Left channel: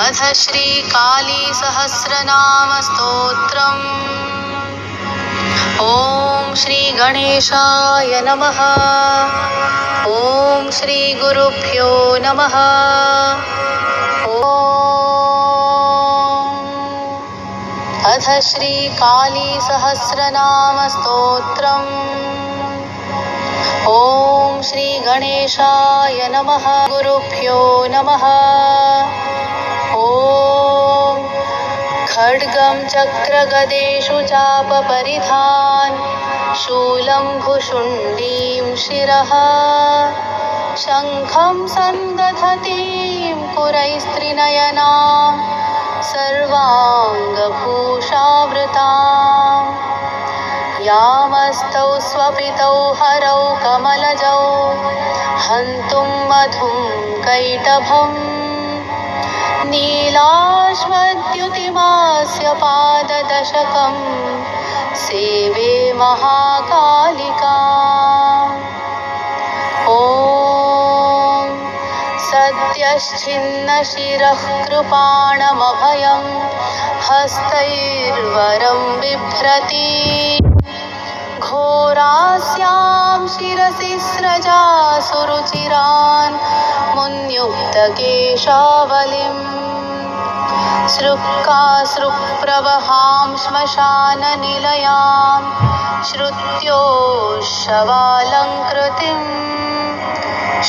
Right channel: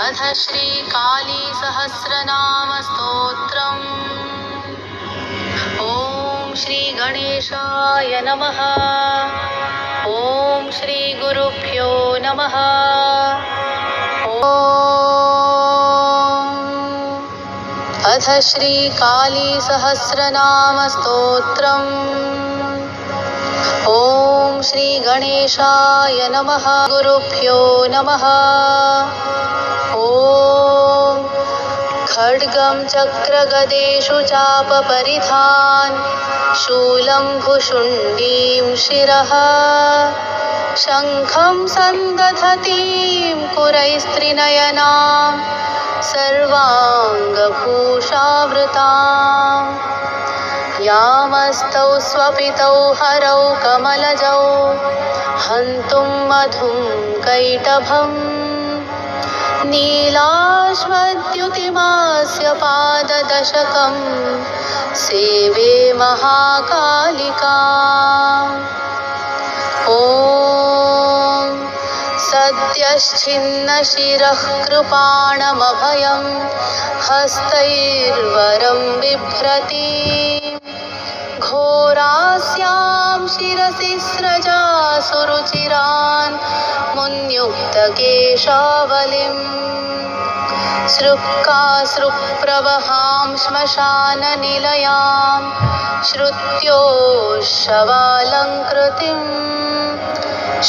अथ श्रीकाली सहस्रनाम स्तोत्रम्। ॐ श्रीगणेशाय नमः। ॐ श्रीगुरुभ्यो नमः। अथ श्रीकाली सहस्रनाम स्तोत्रम्। ॐ श्रीगणेशाय नमः। गुरुभ्यो नमः। ॐ खड्गं चक्रगदेषु चापपरिधान् शूलं भुशुण्डीं शिरः शङ्खं सन्दधतीं कुरैस्त्रिनयनां सर्वाङ्गभूषावृतां यामस्तौ स्वपितौ हरौ कमलजौ हन्तुं मधुं कैटभम् नीलाश्वद्युतिमास्य पाददशकं सेवे महाकालिका। ॐ सद्यश्चिन्नशिरः कृपाणमभयं हस्तैर्वरं बिभ्रति घोरास्यां शिरसि स्रजा सुरुचिरान् मुन्युक्तकेशावलिम् सृक्कासृप्रवहां श्मशाननिलयां श्रुत्योशवालङ्कृतिं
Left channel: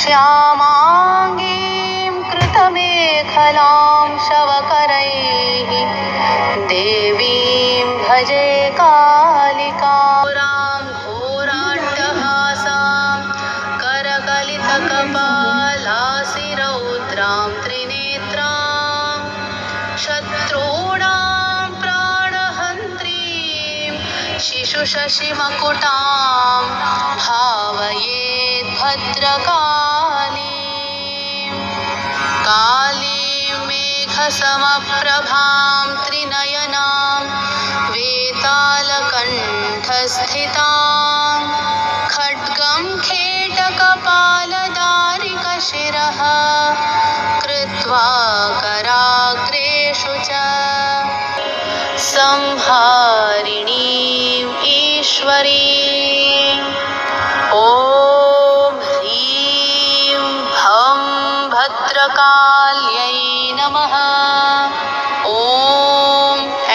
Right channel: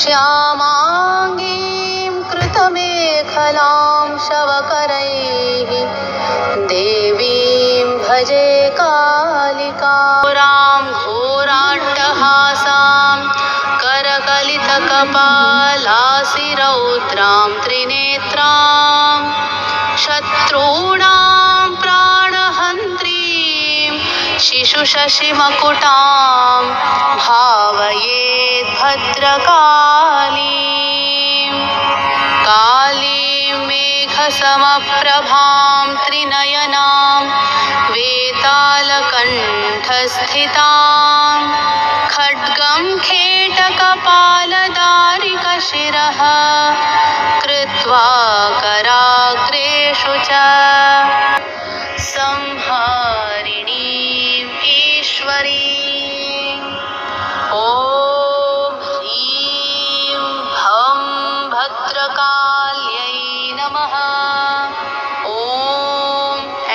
श्यामाङ्गीं कृतमेखलां शवकरैः देवीं भजे कालिकां घोराट्टहासां करकलितकपालासिरौद्रां त्रिनेत्रां शत्रूणां प्राणहन्त्रीं शिशुशशिमकुटां भावयेत् भद्रकालीं कालीं मेघसमप्रभां त्रिनयनां वेतालकण्ठस्थितां खड्गं खेटकपालदारिकशिरः कृत्वा कराग्रेषु च संहारिणीं ईश्वरीम्। ॐ ह्रीं भं भद्रकाल्यै नमः। ॐ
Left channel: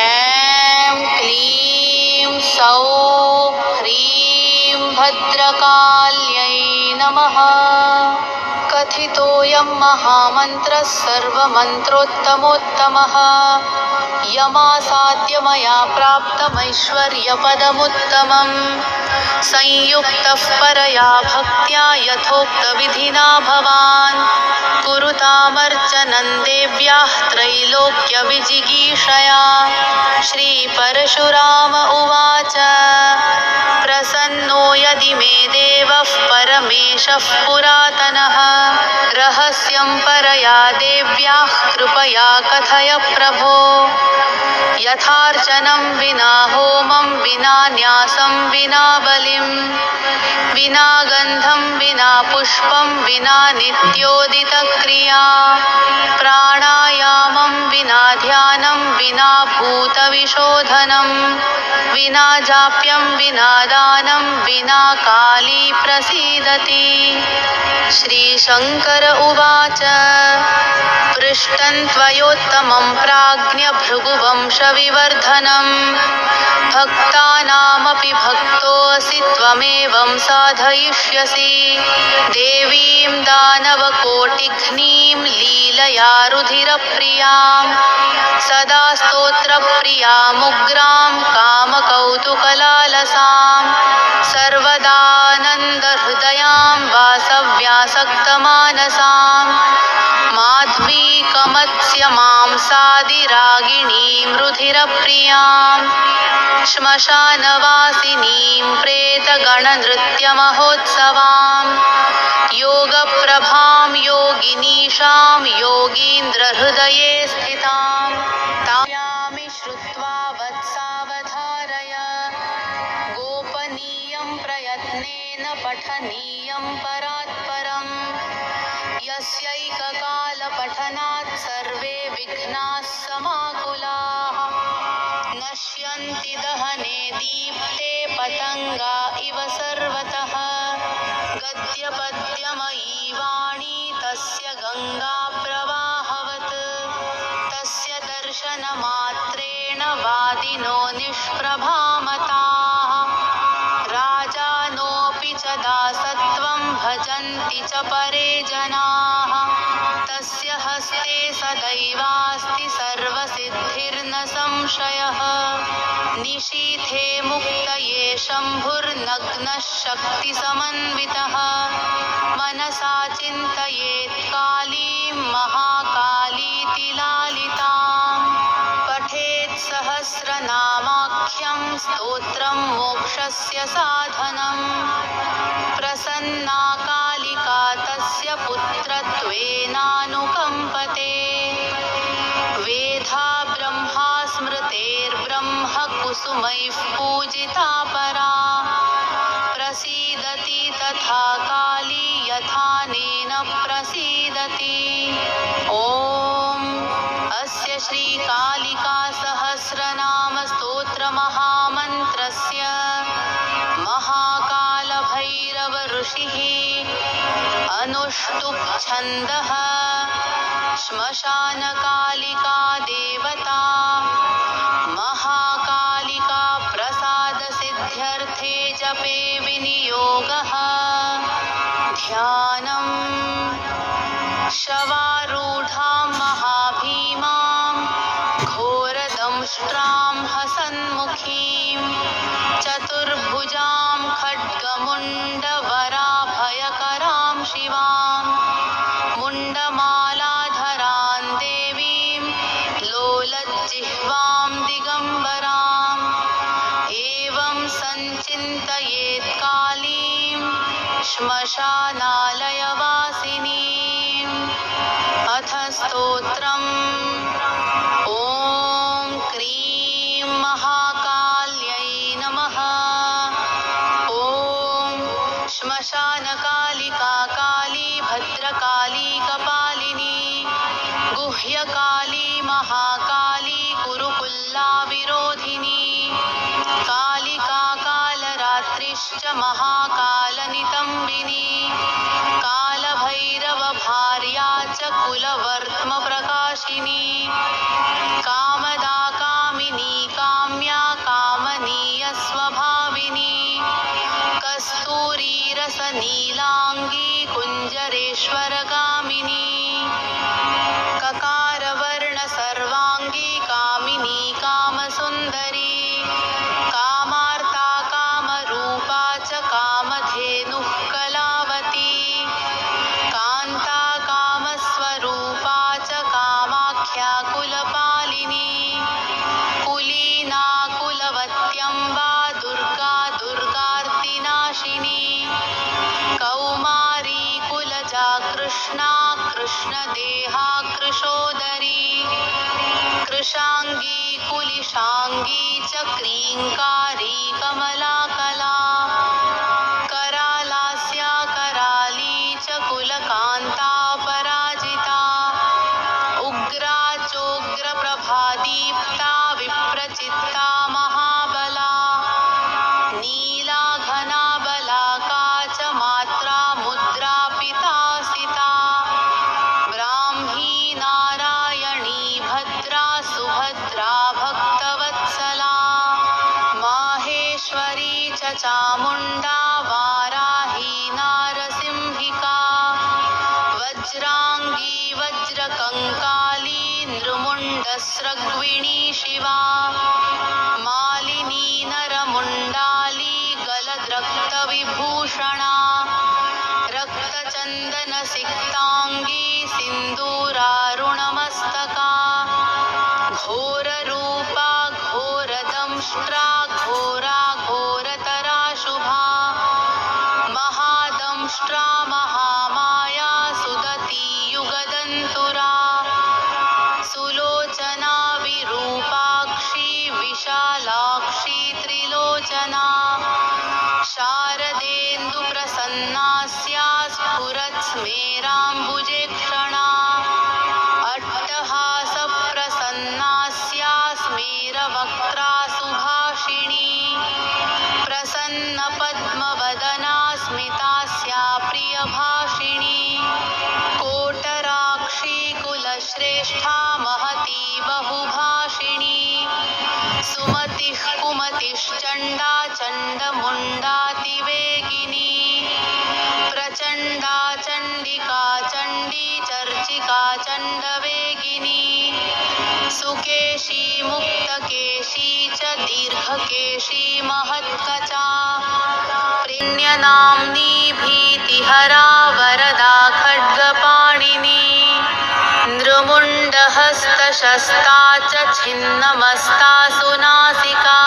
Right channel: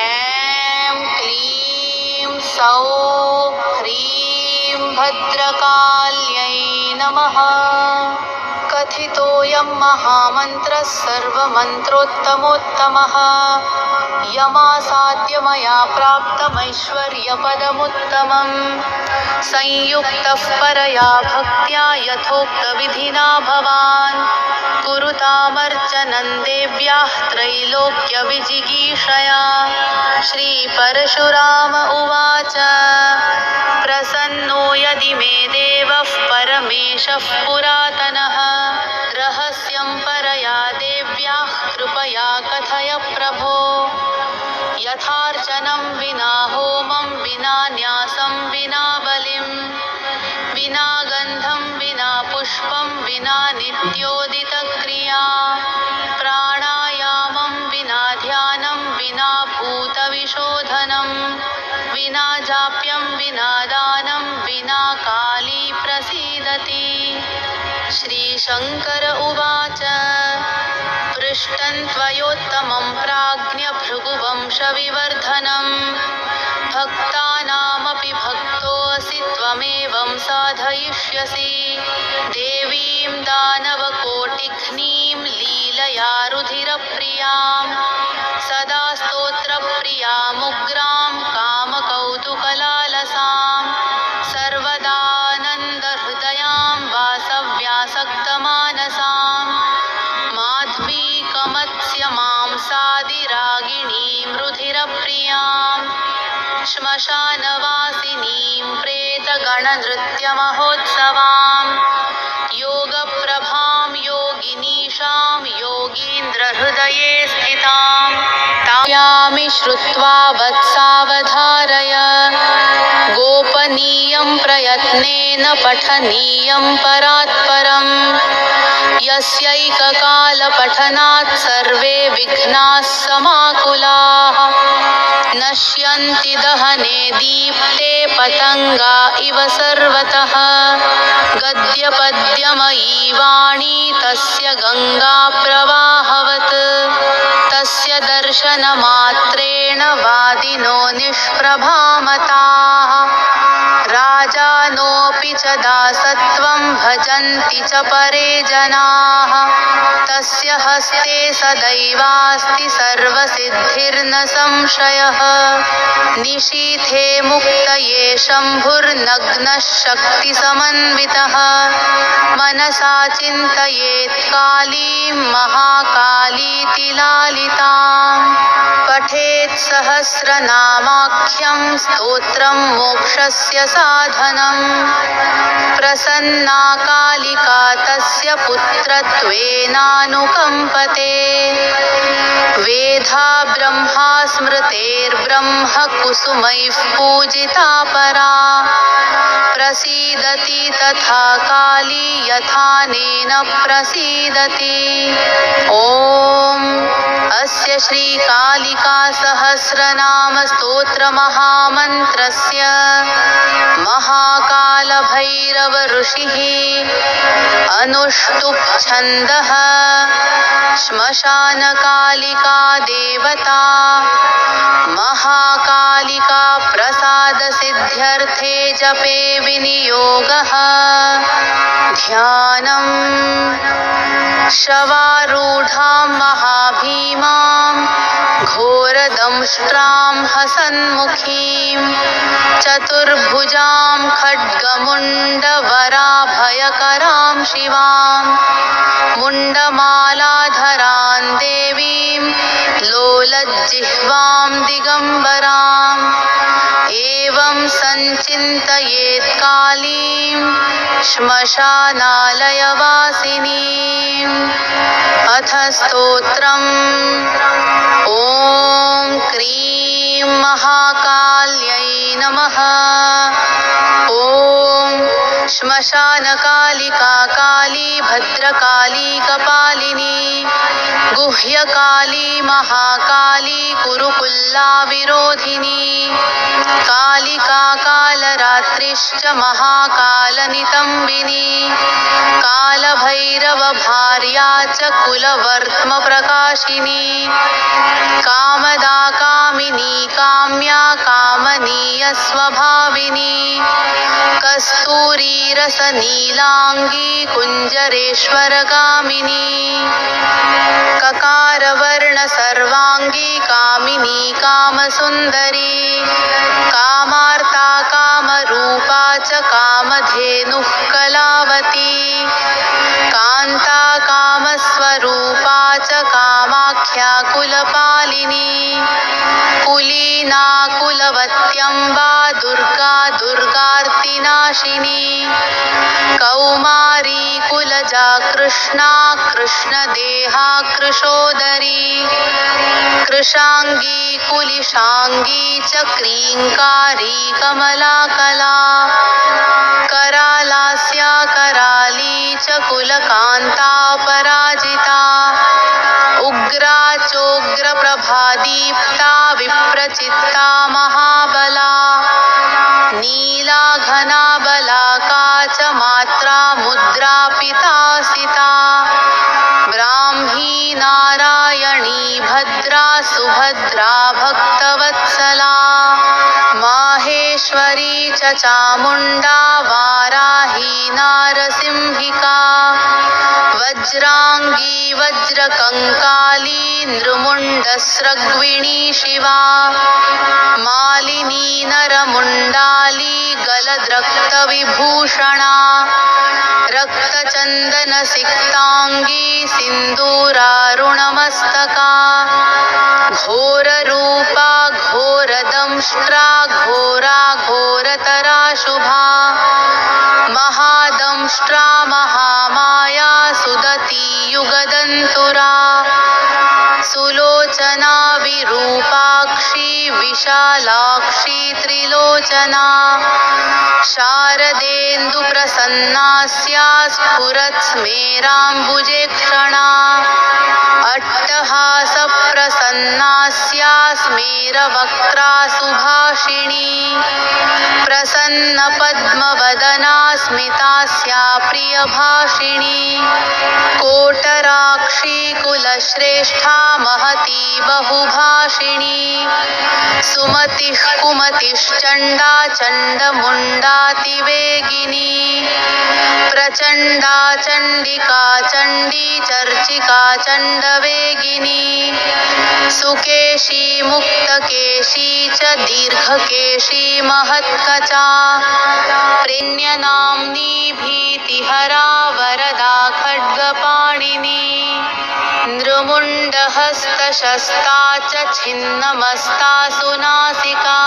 ऐं क्लीं सौः ह्रीं भद्रकाल्यै नमः। कथितोऽयं महामन्त्रः सर्वमन्त्रोत्तमोत्तमः यमासाद्य मया प्राप्तमैश्वर्यपदमुत्तमम् संयुक्तः परया भक्त्या यथोक्तविधिना भवान् कुरुतामर्चनं देव्याः त्रैलोक्यविजिगीषया। श्रीपरशुराम उवाच प्रसन्नो यदि मे देवः परमेशः पुरातनः रहस्यं परया देव्याः कृपया कथय प्रभो। यथार्चनं विना होमं विना न्यासं विना बलिं विना गन्धं विना पुष्पं विना नित्योदितक्रिया प्राणायामं विना ध्यानं विना भूतविशोधनं विना जाप्यं विना दानं विना काली प्रसीदति। श्रीशङ्कर उवाच पृष्टं त्वयोत्तमं प्राज्ञभृगुवंशविवर्धनं भक्तानामपि भक्तोऽसि त्वमेवं साधयिष्यसि देवीं दानवकोटिघ्नीं लीलया रुधिरप्रियां सदा स्तोत्रप्रियामुग्रां कामकौतुकलालसां सर्वदानन्दहृदयां वासव्यासक्तमानसां माध्वीकमत्स्यमां सादिरागिणीं रुधिरप्रियां श्मशानवासिनीं प्रेतगणनृत्यमहोत्सवां योगप्रभां योगिनीशां योगीन्द्रहृदये स्थितां तायामि श्रुत्वा वत्सावधारय गोपनीयं प्रयत्नेन पठनीयं परात्परम् यस्यै एककालपठनात् सर्वे विघ्नाः समाकुलाः नश्यन्ति दहने दीप्ते पतंगा इव सर्वतः गद्यपद्यमयी वाणी तस्य गंगा प्रवाहवत् तस्य दर्शनमात्रेण वादिनो निष्प्रभामताः राजानोऽपि च दासत्वं भजन्ति च परे जनाः तस्य हस्ते सदैवास्ति सर्वसिद्धिर्न संशयः निशीथे मुक्तये शम्भुर्नग्नः शक्तिसमन्वितः मनसा चिन्तयेत् कालीं महाकालीति लालिताम् पठेत् सहस्रनामाख्यं स्तोत्रं मोक्षस्य साधनम् प्रसन्ना कालिका तस्य पुत्रत्वेनानुकम्पते वेधा ब्रह्मा स्मृतेर्ब्रह्म कुसुमैः पूजिता परा प्रसीदति तथा काली यथानेन प्रसीदति ॐ अस्य श्रीकालिका सहस्रनाम स्तोत्र महामन्त्रस्य महाकालभैरव ऋषिः अनुष्टुप् छन्दः श्मशानकालिका देवता महाकालिका प्रसाद सिद्ध्यर्थे जपे विनियोगः ध्यानम् शवारूढां महाभीमां घोरदंष्ट्रां हसन्मुखीं चतुर्भुजां खड्गमुण्डवराभयकरां शिवां मुण्डमालाधरां देवीं लोलज्जिह्वां दिगम्बराम् एवं सञ्चिन्तयेत् कालीं श्मशानालयवासिनीम् अथ स्तोत्रम् ॐ क्रीं महाकाल्यै नमः ॐ श्मशानकालिका काली भद्रकाली कपालिनी गुह्यकाली महाकाली कुरुकुल्ला विरोधिनी कालिका कालरात्रिश्च महाकालनितम्बिनी कालभैरव भार्या च कुलवर्त्म प्रकाशिनी कामदा कामिनी काम्या कामनीय स्वभाविनी कस्तूरी रसनीलांगी कुञ्जरेश्वरगामिनी ककारवर्ण सर्वांगी कामिनी कामसुन्दरी कामार्ता कामरूपा च कामधेनुः कलावती कान्ता कामस्वरूपा च कामाख्या कुलपालिनी कुलीना कुलवत्यम्बा दुर्गा दुर्गार्तिनाशिनी कौमारी कुलजा कृष्णा कृष्णदेहा कृशोदरी कृशांगी कुलिशांगी च क्रींकारी कमलाकला करालास्या कराली च कुलकांता पराजिता उग्रा चोग्र प्रभादीप्ता विप्रचित्ता महाबला नीला घना बलाका च मात्रा मुद्रा पितासिता ब्राह्मी नारायणी भद्रा सुभद्रा भक्तवत्सला माहेश्वरी च चामुण्डा वाराही नारसिंहिका वज्रांगी वज्रकंकाली नृमुण्डस्रग्विणी शिवा मालिनी नरमुण्डाली गलद्रक्तविभूषणा रक्तचन्दनसिक्तांगी सिन्दूरारुणमस्तका घोररूपा घोरदंष्ट्रा घोरा घोरतरा शुभा महादंष्ट्रा महामाया सुदती युगदन्तुरा सुलोचना विरूपाक्षी विशालाक्षी त्रिलोचना शारदेन्दुप्रसन्नास्या स्फुरत्स्मेराम्बुजे क्षणा प्रियभाषिणी प्रसन्नपद्मवदना स्मितास्या प्रियभाषिणी कोटराक्षी कुलश्रेष्ठा महती बहुभाषिणी सुमतिः कुमतिश्चण्डा चण्डमुण्डातिवेगिनी प्रचण्डा चण्डिका चण्डी चर्चिका चण्डवेगिनी सुकेशी मुक्तकेशी च दीर्घकेशी महत्कचा प्रेण्यनाम्नी भीतिहरा वरदा खड्गपाणिनी नृमुण्डहस्तशस्ता च छिन्नमस्ता सुनासिका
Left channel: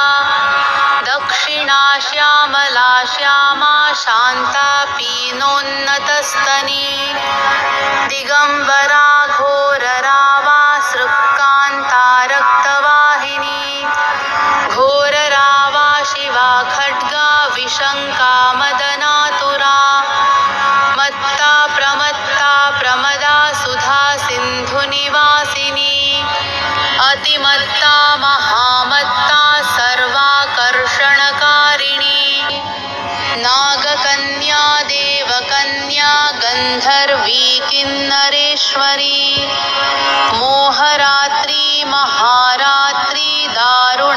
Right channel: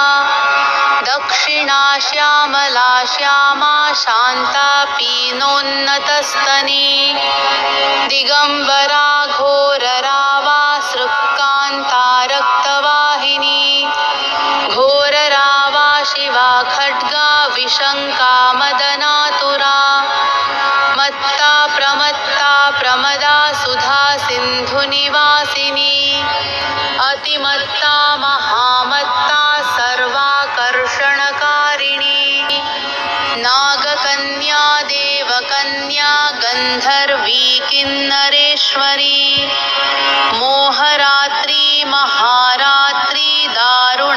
दक्षिणा श्यामला श्यामा शान्ता पीनोन्नतस्तने दिगम्बरा घोररावा सृक्कान्ता रक्तवाहिनी घोररावा शिवा खड्गा विशङ्का मदनातुरा मत्ता प्रमदा सुधा सिन्धुनिवासिनी अतिमत्ता महामत्ता सर्वाकर्षणकारिणी नागकन्या देवकन्या गन्धर्वी किन्नरेश्वरी मोहरात्री महारात्री दारुणाभासुराम्बरा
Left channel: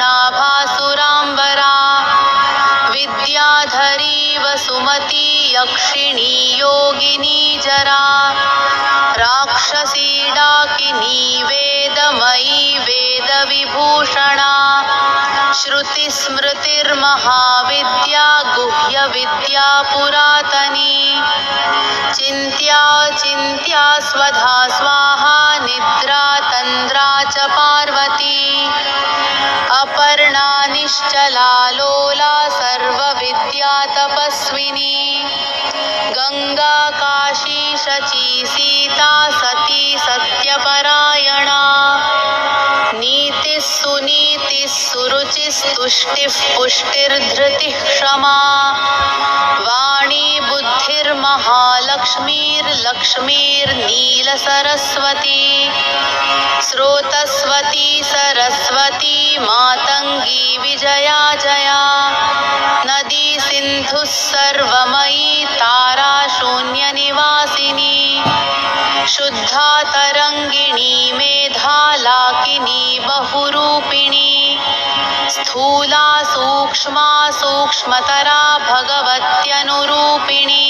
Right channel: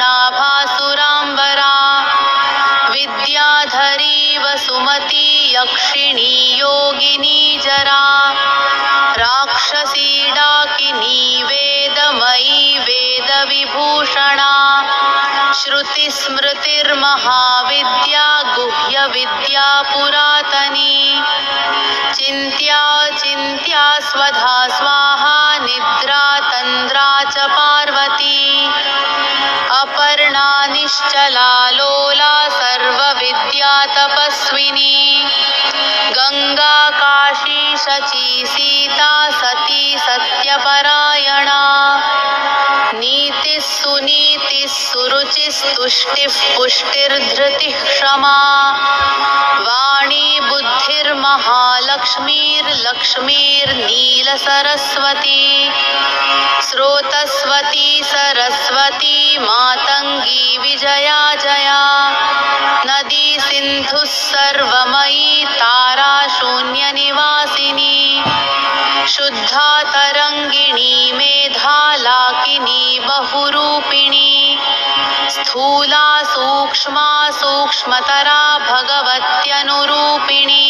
विद्याधरी वसुमती यक्षिणी योगिनी जरा राक्षसी डाकिनी वेदमयी वेदविभूषणा श्रुतिस्मृतिर्महाविद्या गुह्यविद्या पुरातनी चिन्त्या चिन्त्या स्वधा स्वाहा निद्रा तन्द्रा च पार्वती अपर्णा निश्चला लोला सर्वविद्या तपस्विनी गंगा काशी शची सीता सती सत्यपरायणा नीतिः सुनीतिः सुरुचिस्तुष्टिः पुष्टिर्धृतिः क्षमा वाणी बुद्धिर्महालक्ष्मीर्लक्ष्मीर्नीलसरस्वती स्रोतस्वती सरस्वती मातङ्गी विजया जया नदी सिन्धुः सर्वमयी तारा शून्यनिवासिनी शुद्धा तरङ्गिणी मेधा लाकिनी बहुरूपिणी स्थूला सूक्ष्मा सूक्ष्मतरा भगवत्यनुरूपिणी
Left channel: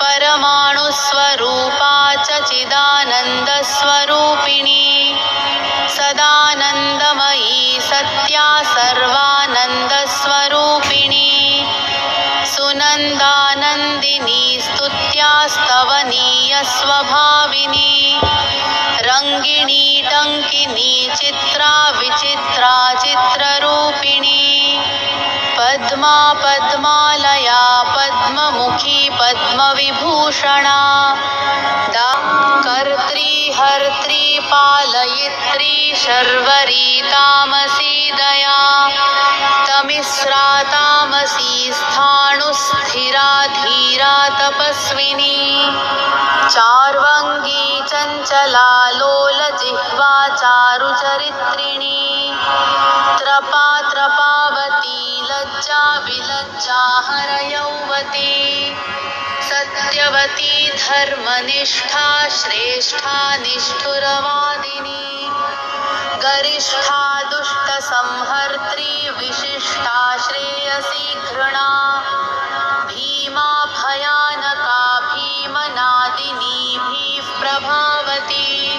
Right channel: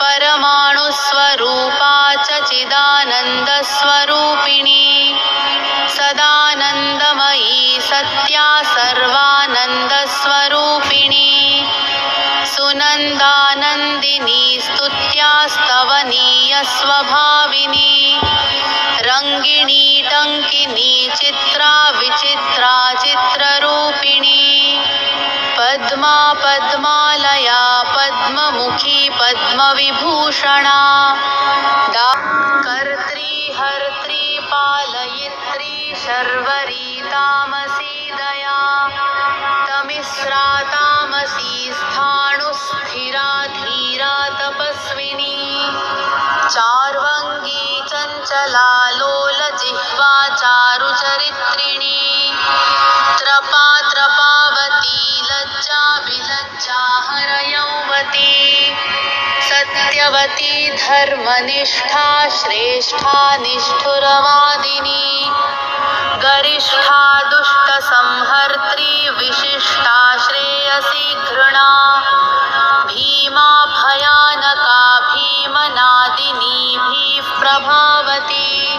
परमाणुस्वरूपा च चिदानन्दस्वरूपिणी सदानन्दमयी सत्या सर्वानन्दस्वरूपिणी सुनन्दानन्दिनी स्तुत्या स्तवनीय स्वभाविनी रङ्गिणी टङ्किनी चित्रा विचित्रा चित्ररूपिणी पद्मा पद्मालया पद्ममुखी पद्मविभूषणा कर्त्री हर्त्री पालयित्री शर्वरी तामसी दया तमिस्रा तामसी स्थाणुस्थिरा धीरा तपस्विनी चार्वङ्गी चञ्चला लोलजिह्वा चारुचरित्रिणी त्रपा त्रपावती लज्जा विलज्जा हरयौवती सत्यवती धर्मनिष्ठा श्रेष्ठा निष्ठुरवादिनी गरिष्ठा दुष्टसंहर्त्री विशिष्टा श्रेयसी घृणा भीमा भयानका भीमनादिनीभिः प्रभावती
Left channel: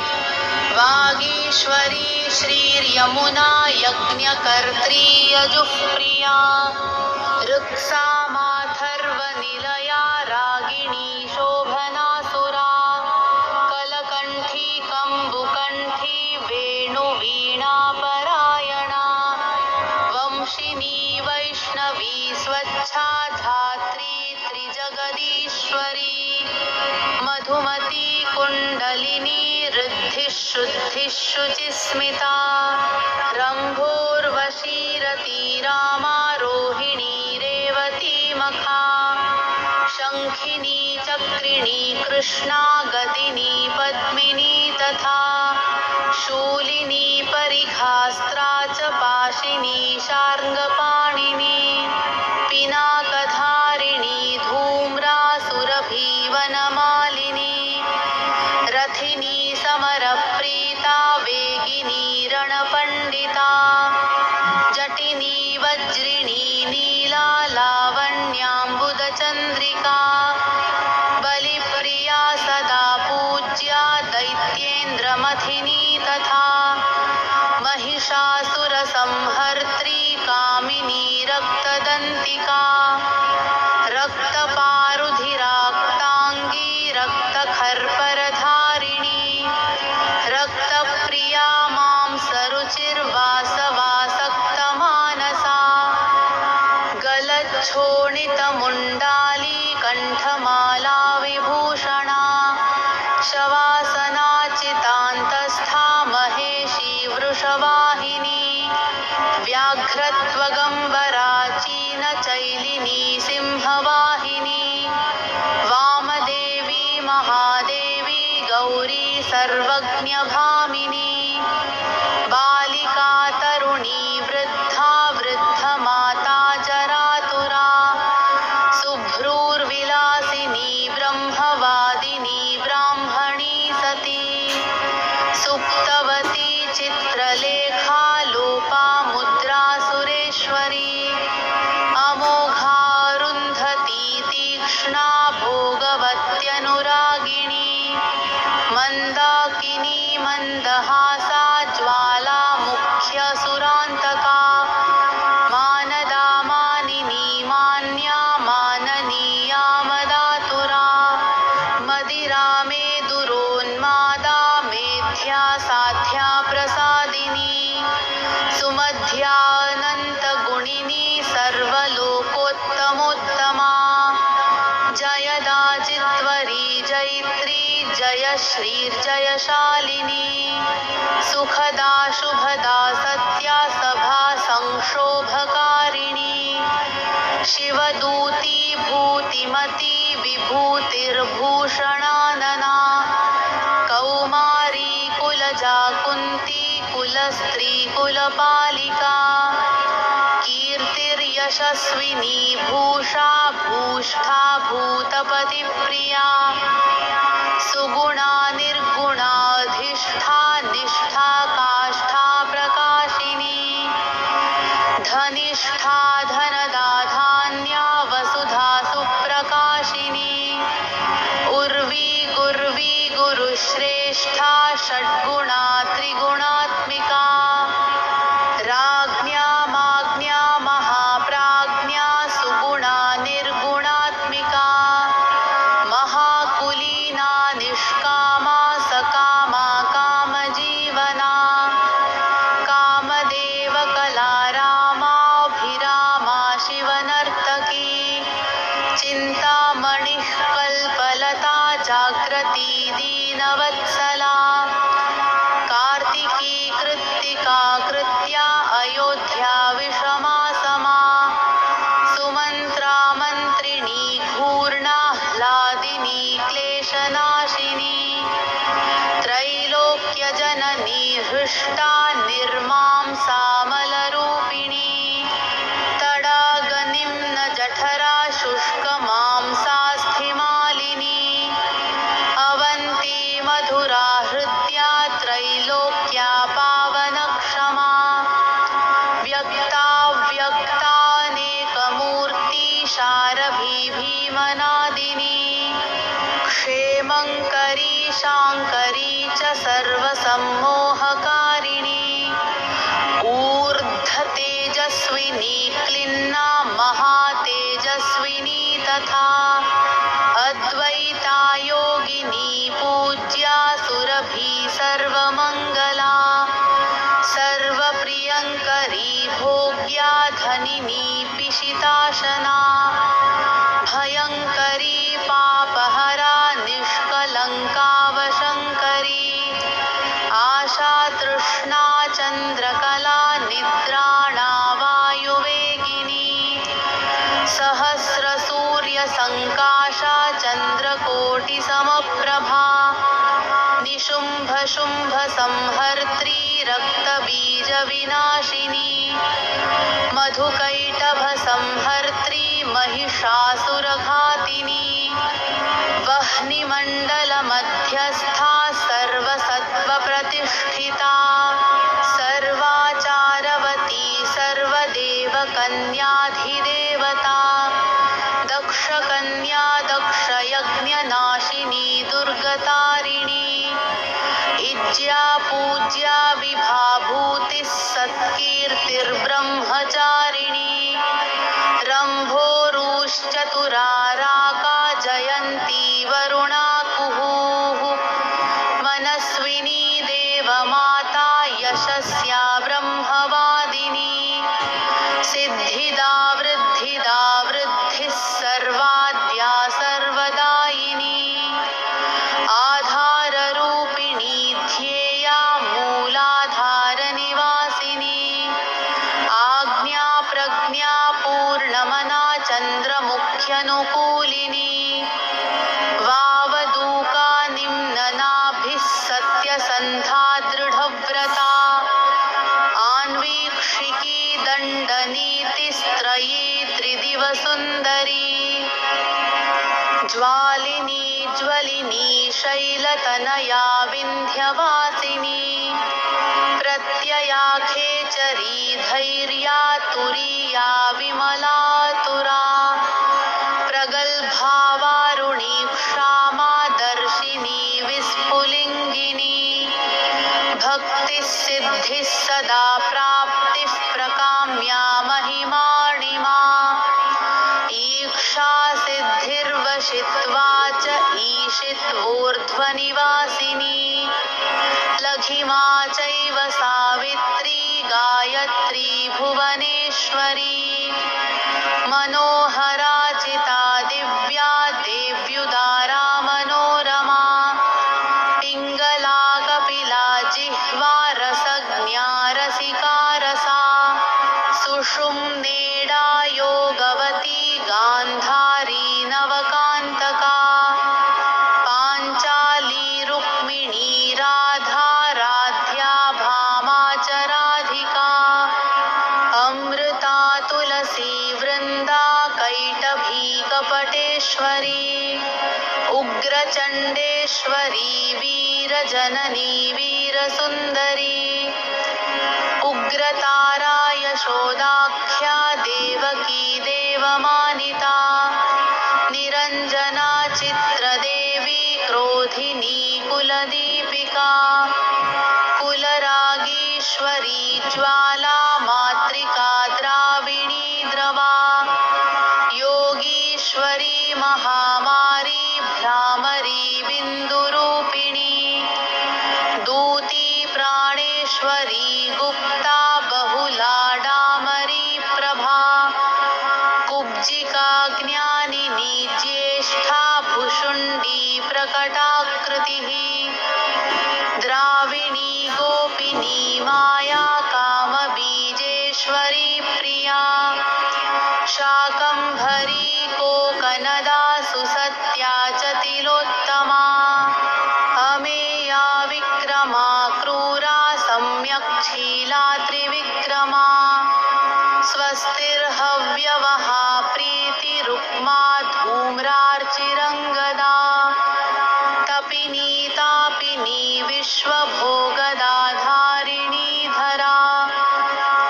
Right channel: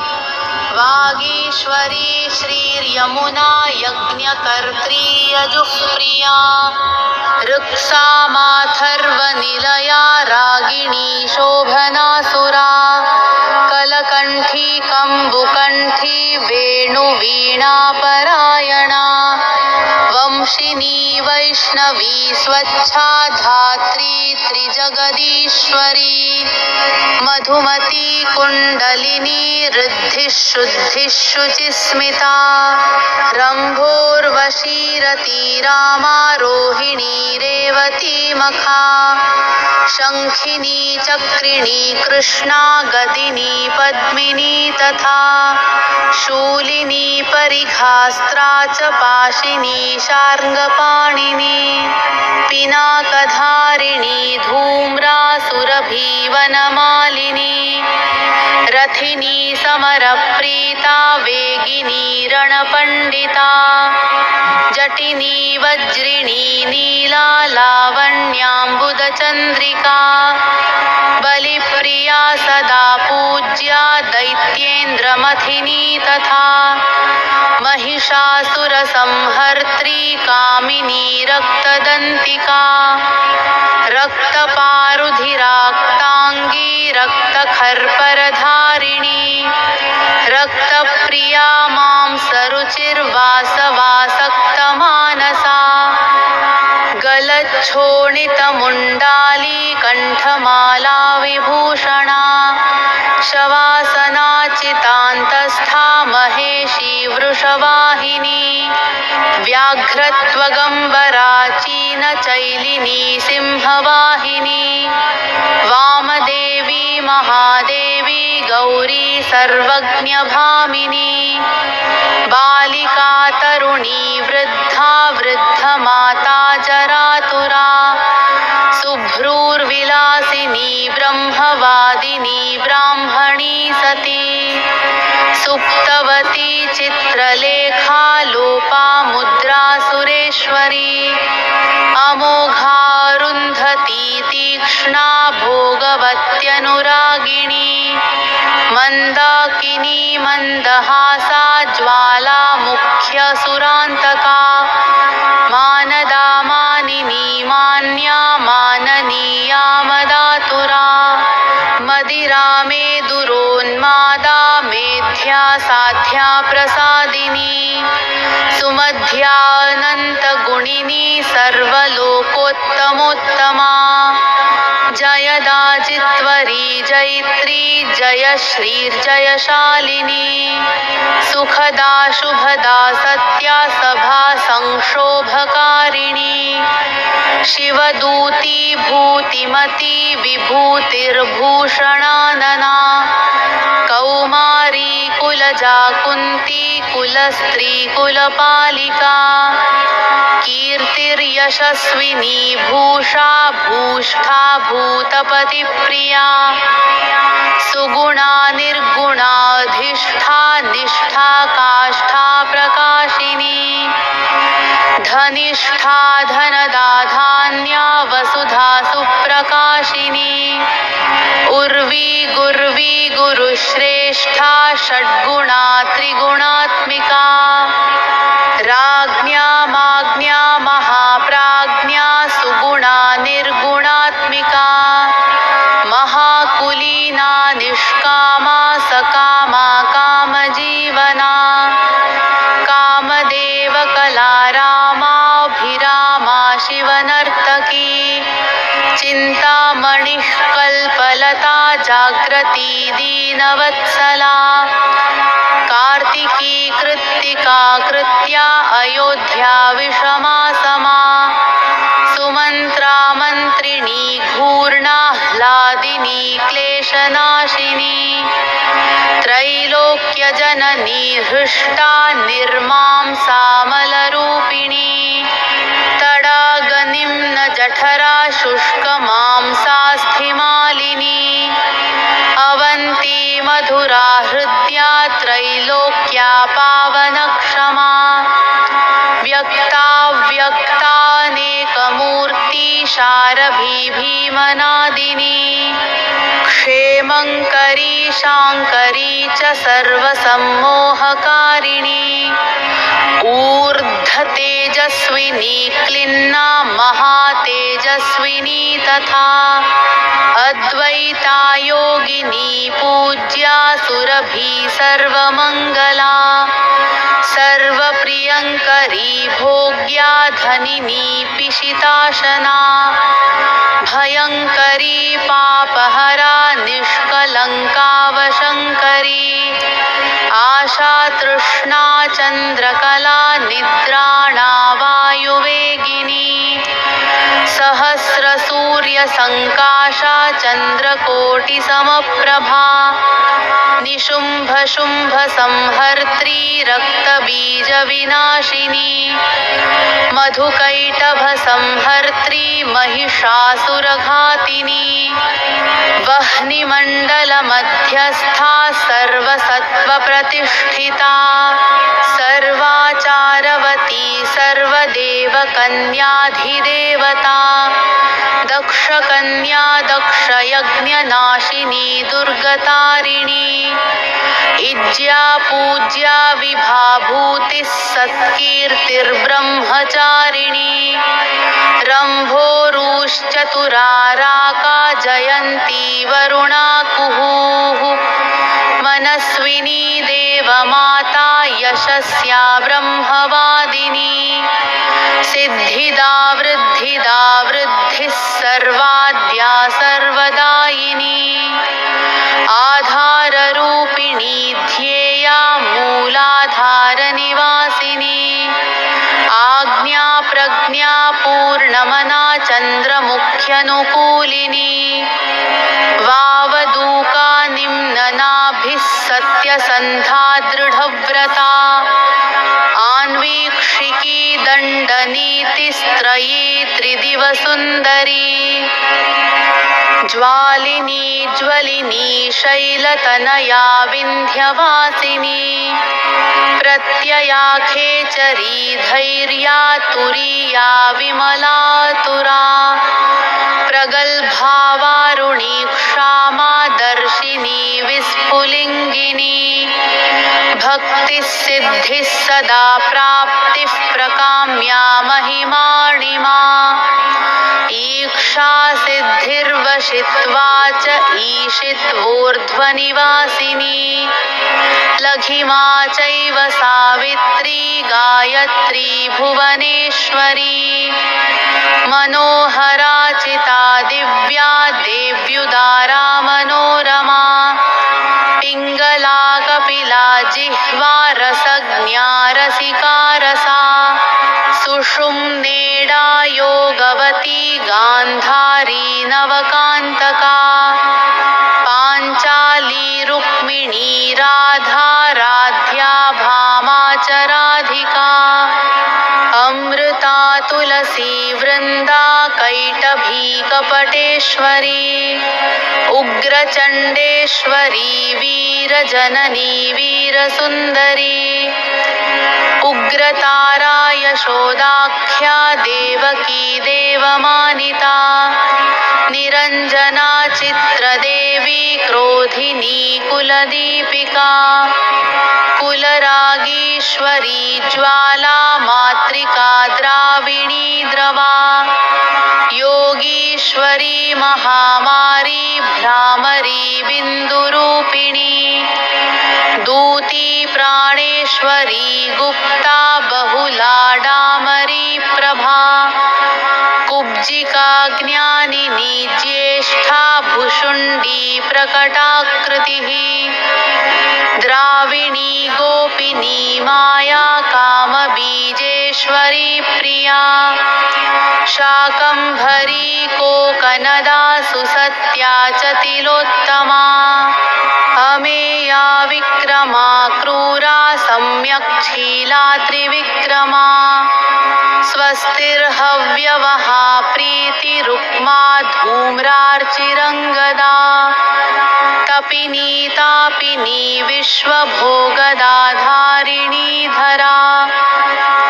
वागीश्वरी श्रीर्यमुना यज्ञकर्त्री यजुःप्रिया ऋक्सा माथर्वनिलया रागिणी शोभनासुरा कलकण्ठी कम्बुकण्ठी वेणुवीणापरायणा वंशिनी वैष्णवी स्वच्छा धात्री त्रिजगदीश्वरी मधुमती कुण्डलिनी ऋद्धिः शुद्धिः शुचिस्मिता रम्भोर्वशी रामारोहिणी रेवती मखा शङ्खिनी चक्रिणी कृष्णा गतिनी पद्मिनी तथा शूलिनी परिघास्त्रा च पाशिनी शार्ङ्गपाणिनी पिनाकधारिणी धूम्रासुरभीवनमालिनी रथिनी समरप्रीता वेगिनी रणपण्डिता जटिनी वज्रिणी नीला लावण्याम्बुदचन्द्रिका बलिप्रिया सदा पूज्या दैत्येन्द्रमथिनी तथा महिषासुरसंहर्त्री कामिनी रक्तदन्तिका रक्तपारुधिराक्ताङ्गी रक्तखर्परधारिणी रक्तप्रिया मांसरुचिर्वासवासक्तमानसा गलच्छोणितमुण्डाली कण्ठमाला विभूषणा शवासना चितान्तस्था महेशी वृषवाहिनी व्याघ्रत्वगम्बरा चीनचैलिनी सिंहवाहिनी वामदेवी महादेवी गौरी सर्वज्ञभामिनी बालिका तरुणी वृद्धा वृद्धमाता जरातुरा शुभ्रूर्विलासिनी ब्रह्मवादिनी ब्राह्मणी सती सुप्तवती चित्रलेखा लोपा मुद्रा सुरेश्वरी अमोघारुन्धती तीक्ष्णा भोगवत्यनुरागिणी मन्दाकिनी मन्दहासा ज्वाला मुख्यसुरान्तका मानदा मानिनी मान्या माननीया मदातुरा मदिरा मेदुरोन्मादा मेध्या साध्या प्रसादिनी सुमध्यानन्तगुणिनी सर्वलोकोत्तमोत्तमा जयदा जित्वरी जयित्री जयश्रीर्जयशालिनी सुखदा शुभदा सत्या सभा संक्षोभकारिणी शिवदूती भूतिमती विभूतिर्भूषणानना कौमारी कुलजा कुन्ती कुलस्त्री कुलपालिका कीर्तिर्यशस्विनी भूषा भूष्ठा भूतपतिप्रिया सुगुणा निर्गुणाधिष्ठा निष्ठा काष्ठा प्रकाशिनी धनिष्ठा धनदा धान्या वसुधा सुप्रकाशिनी उर्वी गुर्वी गुरुश्रेष्ठा षड्गुणा त्रिगुणात्मिका राज्ञा माज्ञा महाप्राज्ञा सुगुणा निर्गुणात्मिका महाकुलीना निष्कामा सकामा कामजीवना कामदेवकलारामाभिरामा शिवनर्तकी चिन्तामणिः कल्पलता जाग्रती दीनवत्सला कार्तिकी कृत्तिका कृत्या अयोध्या विषमा समा सुमन्त्रा मन्त्रिणी घूर्णाह्लादिनी क्लेशनाशिनी त्रैलोक्यजननी हृष्टा निर्मांसामलरूपिणी तडागनिम्नजठरा शुष्कमांसास्थिमालिनी अवन्ती मधुरा हृद्या त्रैलोक्या पावनक्षमा व्यक्ताव्यक्तानेकमूर्ति शारभी भीमनादिनी क्षेमङ्करी शाङ्करी च सर्वसम्मोहकारिणी ऊर्ध्वतेजस्विनी क्लिन्ना महातेजस्विनी तथा अद्वैता योगिनी पूज्या सुरभि सर्वमङ्गला सर्वप्रियङ्करी भोग्या धनिनी पिशिताशना भयङ्करी पापहरा निष्कलङ्कावशङ्करी आशातृष्णा चन्द्रकला निद्राणा वायुवेगिनी सहस्रसूर्यसङ्काशा चन्द्रकोटिसमप्रभा निशुम्भनिशुम्भनाशिनी शुम्भसंहर्त्री रक्तबीजविनाशिनी मधुकैटभसंहर्त्री महिषासुरघातिनी वह्निमण्डलमध्यस्था सर्वसत्त्वप्रतिष्ठिता सर्वाचारवती सर्वदेवकन्याधिदेवता दक्षकन्या दक्षयज्ञनाशिनी दुर्गतारिणी इज्या पूज्या विभाभूतिः सत्कीर्तिर्ब्रह्मचारिणी रम्भोरुश्चतुराराका जयन्ती वरुणा कुहुः मनस्विनी देवमाता यशस्या ब्रह्मवादिनी सिद्धिदा वृद्धिदा वृद्धिः सर्वाद्या सर्वदायिनी आधाररूपिणी ध्येया मूलाधारनिवासिनी आज्ञा प्रज्ञा पूर्णमना चन्द्रमुख्यनुकूलिनी वावदूका निम्ननाभिः सत्यसन्धा दृढव्रता आन्वीक्षिकी दण्डनीतिस्त्रयी त्रिदिवसुन्दरी ज्वालिनी ज्वलिनी शैलतनया विन्ध्यवासिनी प्रत्यया खेचरी धैर्या तुरीया विमलातुरा प्रगल्भा वारुणी क्षामा दर्शिनी विस्फुलिङ्गिनी भक्तिः सिद्धिः सदा प्राप्तिः प्रकाम्या महिमाणिमा ईक्षा सिद्धिर्वशित्वा च ईशित्वोर्ध्वनिवासिनी लघिमा चैव सावित्री गायत्री भुवनेश्वरी मनोहराचिता दिव्या देव्युदारा मनोरमा पिङ्गला कपिला जिह्वा रसज्ञा रसिका रसा सुषुम्नेडा योगवती गान्धारी नवकान्तका पाञ्चाली रुक्मिणी राधा राध्या भामा च राधिका अमृता तुलसी वृन्दा कैटभी कपटेश्वरी उग्रचण्डेश्वरी वीरजननी वीरसुन्दरी उग्रतारा यशोदाख्या देवकी देवमानिता निरञ्जना चित्रदेवी क्रोधिनी कुलदीपिका कुलरागीश्वरी ज्वाला मातृका द्राविणी द्रवा योगीश्वरी महामारी भ्रामरी बिन्दुरूपिणी दूती प्राणेश्वरी गुप्ता बहुला डामरी प्रभा कुब्जिका ज्ञानिनी ज्येष्ठा भुषुण्डी प्रकटाकृतिः द्राविणी गोपिनी माया कामबीजेश्वरी प्रिया शाकम्भरी कोकनदा सुसत्या च तिलोत्तमा अमेया विक्रमा क्रूरा सम्यक्शीला त्रिविक्रमा स्वस्तिर्हव्यवहा प्रीतिरुक्मा धूम्रार्चिरङ्गदा तपिनी तापिनी विश्वभोगदाधारिणी धरा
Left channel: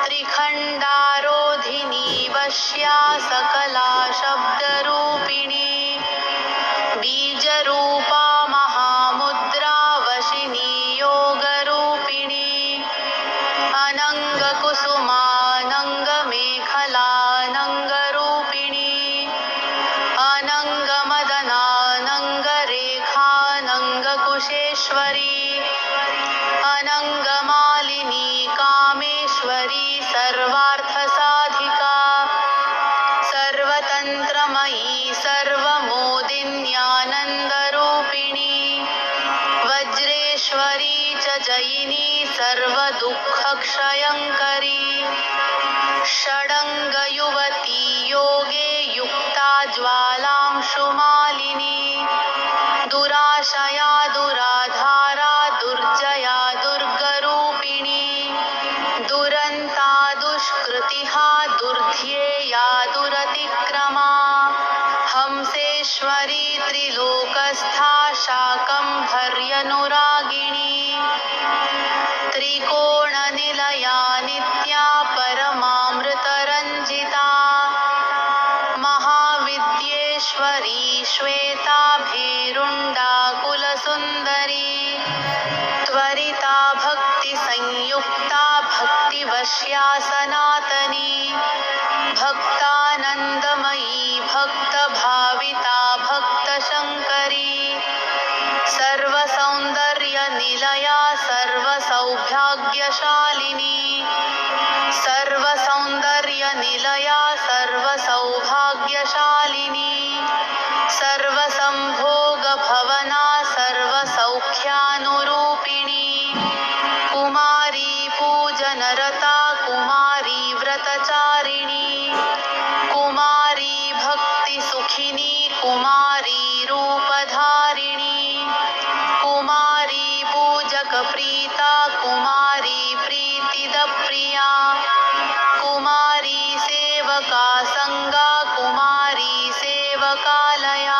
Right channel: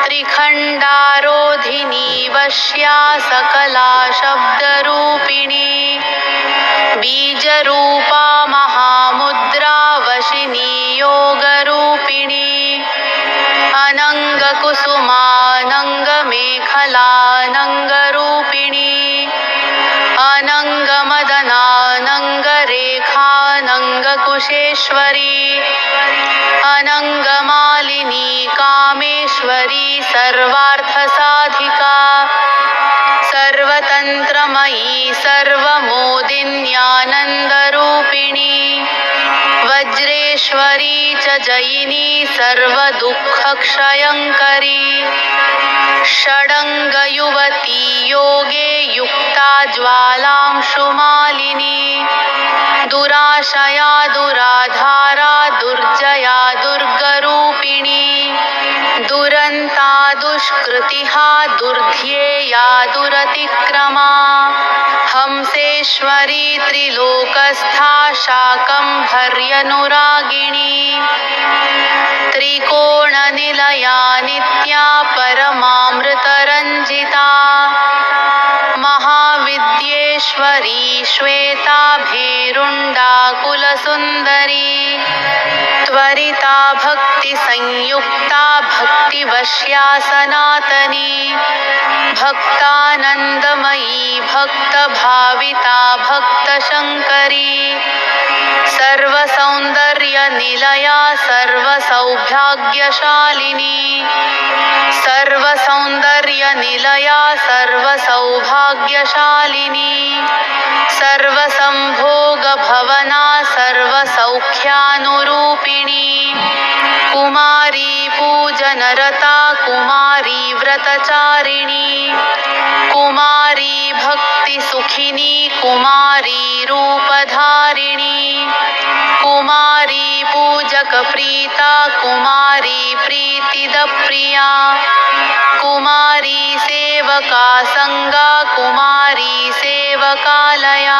त्रिखण्डारोधिनी वश्या सकला शब्दरूपिणी बीजरूपा महामुद्रा वशिनी योगरूपिणी अनङ्गकुसुमानङ्गमेखलानङ्गरूपिणी अनङ्गमदनानङ्गरेखानङ्गकुशेश्वरी अनङ्गमालिनी कामेश्वरी सर्वार्थसाधिका सर्वतन्त्रमयी सर्वमोदिन्यानन्दरूपिणी वज्रेश्वरी च जयिनी सर्वदुःखक्षयङ्करी षडङ्गयुवती योगे युक्ता ज्वालांशुमालिनी दुराशया दुराधारा स्तुतिहा दुर्ध्येया दुरतिक्रमा हंसेश्वरी त्रिलोकस्था शाकम्भर्यनुरागिणी त्रिकोणनिलया नित्या परमामृतरञ्जिता महाविद्येश्वरी श्वेता भेरुण्डाकुलसुन्दरी त्वरिता भक्तिसंयुक्ता भक्तिवश्या सनातनी भक्तानन्दमयी भक्तभाविता भक्तशङ्करी सर्वसौन्दर्यनिलया सर्वसौभाग्यशालिनी सर्वसौन्दर्यनिलया सर्वसौभाग्यशालिनी सर्वसंभोगभवना सर्वसौख्यानुरूपिणी कुमारी पूजनरता कुमारी व्रतचारिणी कुमारी भक्तिसुखिनी कुमारी रूपधारिणी कुमारी पूजकप्रीता कुमारी प्रीतिदप्रिया कुमारी सेवका संगा कुमारी सेवकालया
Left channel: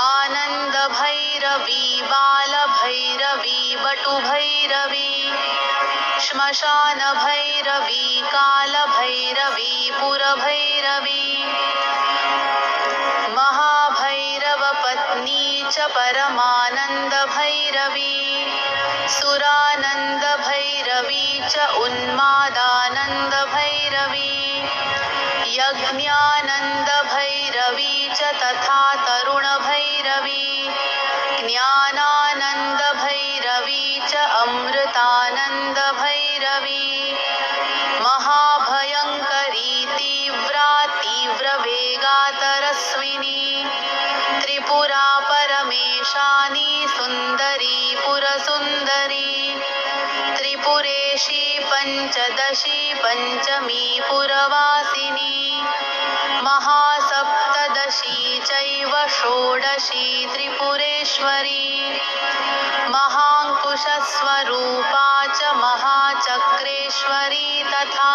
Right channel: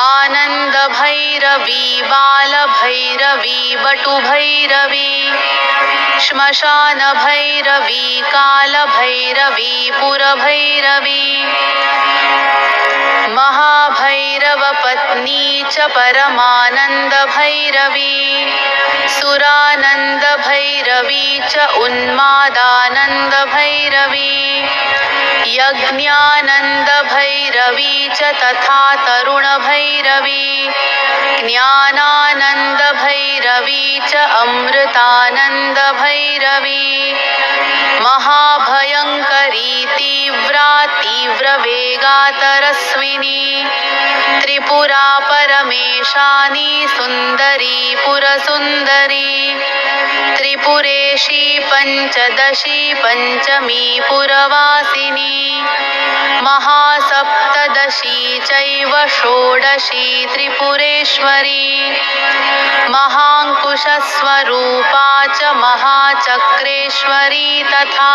आनन्दभैरवी बालभैरवी बटुभैरवी श्मशानभैरवी कालभैरवी पुरभैरवी महाभैरवपत्नी च परमानन्दभैरवी सुरानन्दभैरवी च उन्मादानन्दभैरवी यज्ञानन्दभैरवी च तथा तरुणभैरवी ज्ञानानन्दभैरवी च अमृतानन्दभैरवी महाभयङ्करी तीव्रा तीव्रवेगातरस्विनी त्रिपुरा परमेशानी सुन्दरी पुरसुन्दरी त्रिपुरेशी पञ्चदशी पञ्चमी पुरवासिनी महासप्तदशी चैव षोडशी त्रिपुरेश्वरी महाङ्कुशस्वरूपा च महाचक्रेश्वरी तथा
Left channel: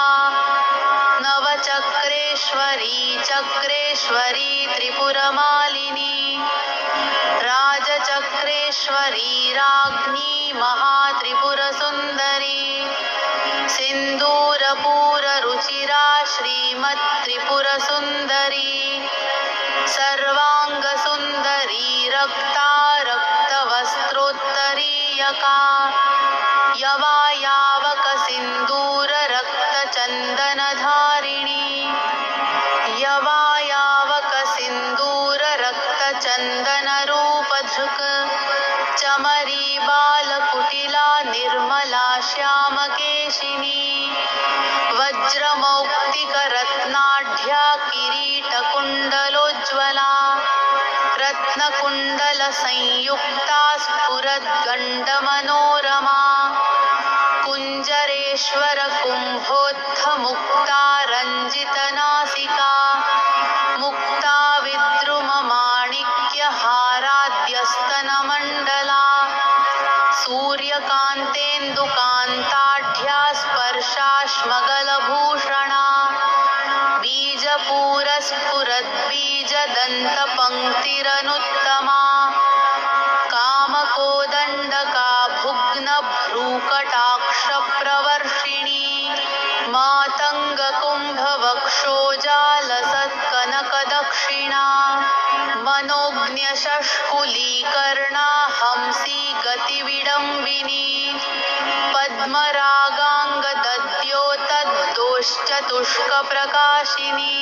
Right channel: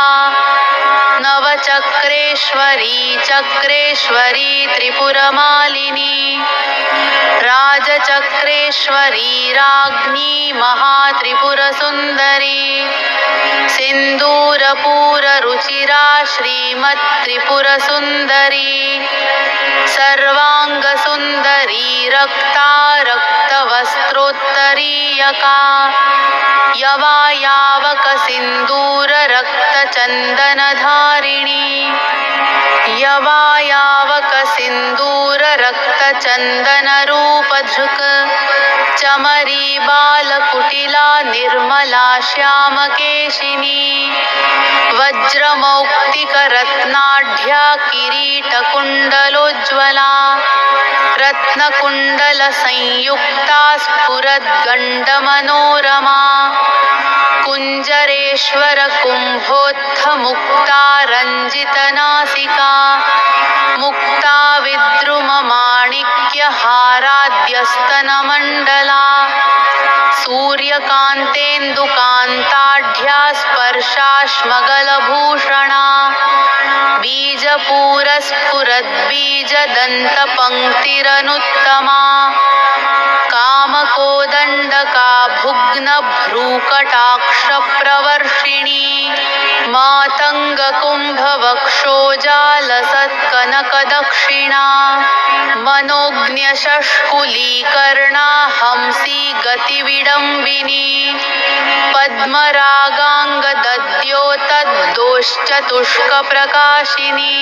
नवचक्रेश्वरी चक्रेश्वरी त्रिपुरमालिनी राजचक्रेश्वरी राज्ञी महात्रिपुरसुन्दरी सिन्दूरपूररुचिरा श्रीमत्त्रिपुरसुन्दरी सर्वाङ्गसुन्दरी रक्ता रक्तवस्त्रोत्तरीयका यवायावकसिन्दूररक्तचन्दनधारिणी यवायावकसिन्दूररक्तचन्दनरूपधृक् चमरी बालकुटिला निर्मला श्यामकेशिनी वज्रमौक्तिकरत्नाढ्या किरीटकुण्डलोज्ज्वला रत्नकुण्डलसंयुक्ता स्फुरद्गण्डमनोरमा कुञ्जरेश्वरकुम्भोत्थमुक्ता रञ्जितनासिका मुक्ता विद्रुममाणिक्यहाराद्यस्तनमण्डला सूर्यकान्तेन्दुकान्ताढ्या स्पर्शाश्मगलभूषणा बीजपूरस्फुरद्बीजदन्तपङ्क्तिरनुत्तमा कामकोदण्डका भुग्नभ्रूकटाक्षप्रवर्षिणी मातङ्गकुम्भवक्षोजालसत्कनकदक्षिणा मनोज्ञशष्कुलीकर्णा हंसी गतिविडम्बिनी पद्मरागाङ्गदद्योतद्दोश्चतुष्कप्रकाशिनी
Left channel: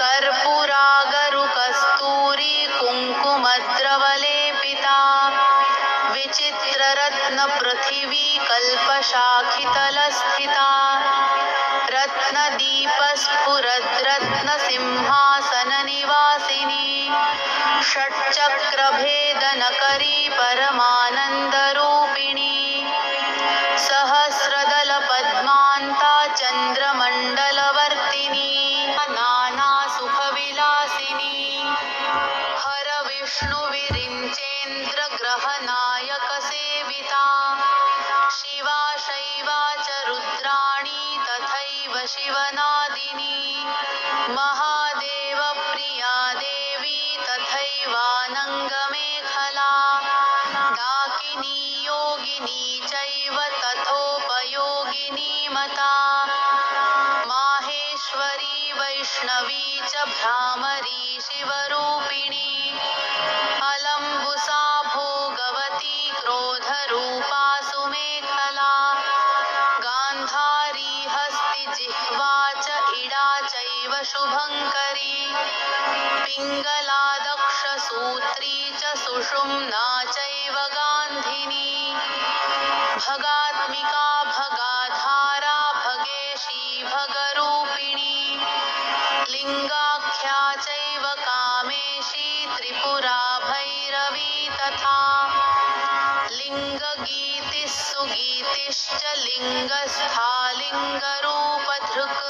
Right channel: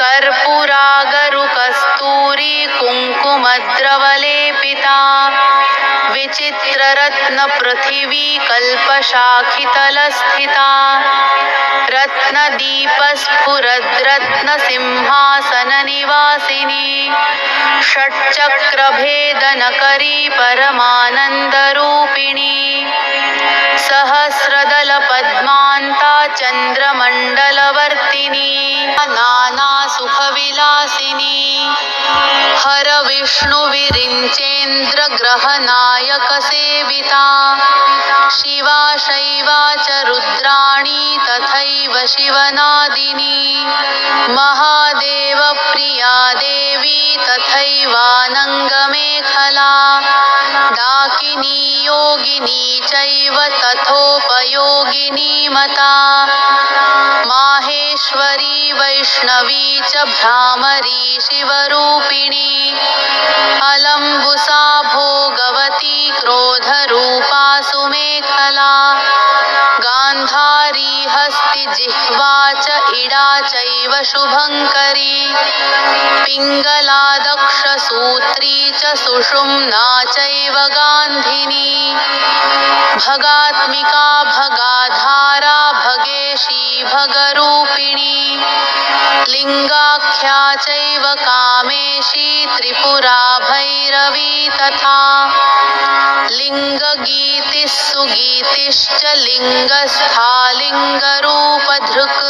कर्पूरागरुकस्तूरी कुङ्कुमद्रवलेपिता विचित्ररत्नपृथिवी कल्पशाखितलस्थिता रत्नदीपस्फुरद्रत्नसिंहासननिवासिनी षट्चक्रभेदनकरी परमानन्दरूपिणी सहस्रदलपद्मान्ता चन्द्रमण्डलवर्तिनी नानासुखविलासिनी हरविष्णुविरिञ्चेन्द्रग्रहनायकसेविता शिवा शैवा च रुद्राणी तथैव कामिनी योगिनी चैव तथोपयोगिनी मता माहेश्वरी वैष्णवी च भ्रामरी शिवरूपिणी अलम्बुसा भोगवती क्रोधरूपा सुमेखला गान्धारी हस्तिजिह्वा च इडा चैव शुभङ्करी पिङ्गला दक्षसूत्री च सुषुम्ना चैव गान्धिनी भगात्मिका भगाधारा भगेशी भगरूपिणी लिङ्गाख्या चैव कामेशी त्रिपुरा भैरवी तथा लिङ्गगीतिः सुगीतिश्च लिङ्गस्था लिङ्गरूपधृक्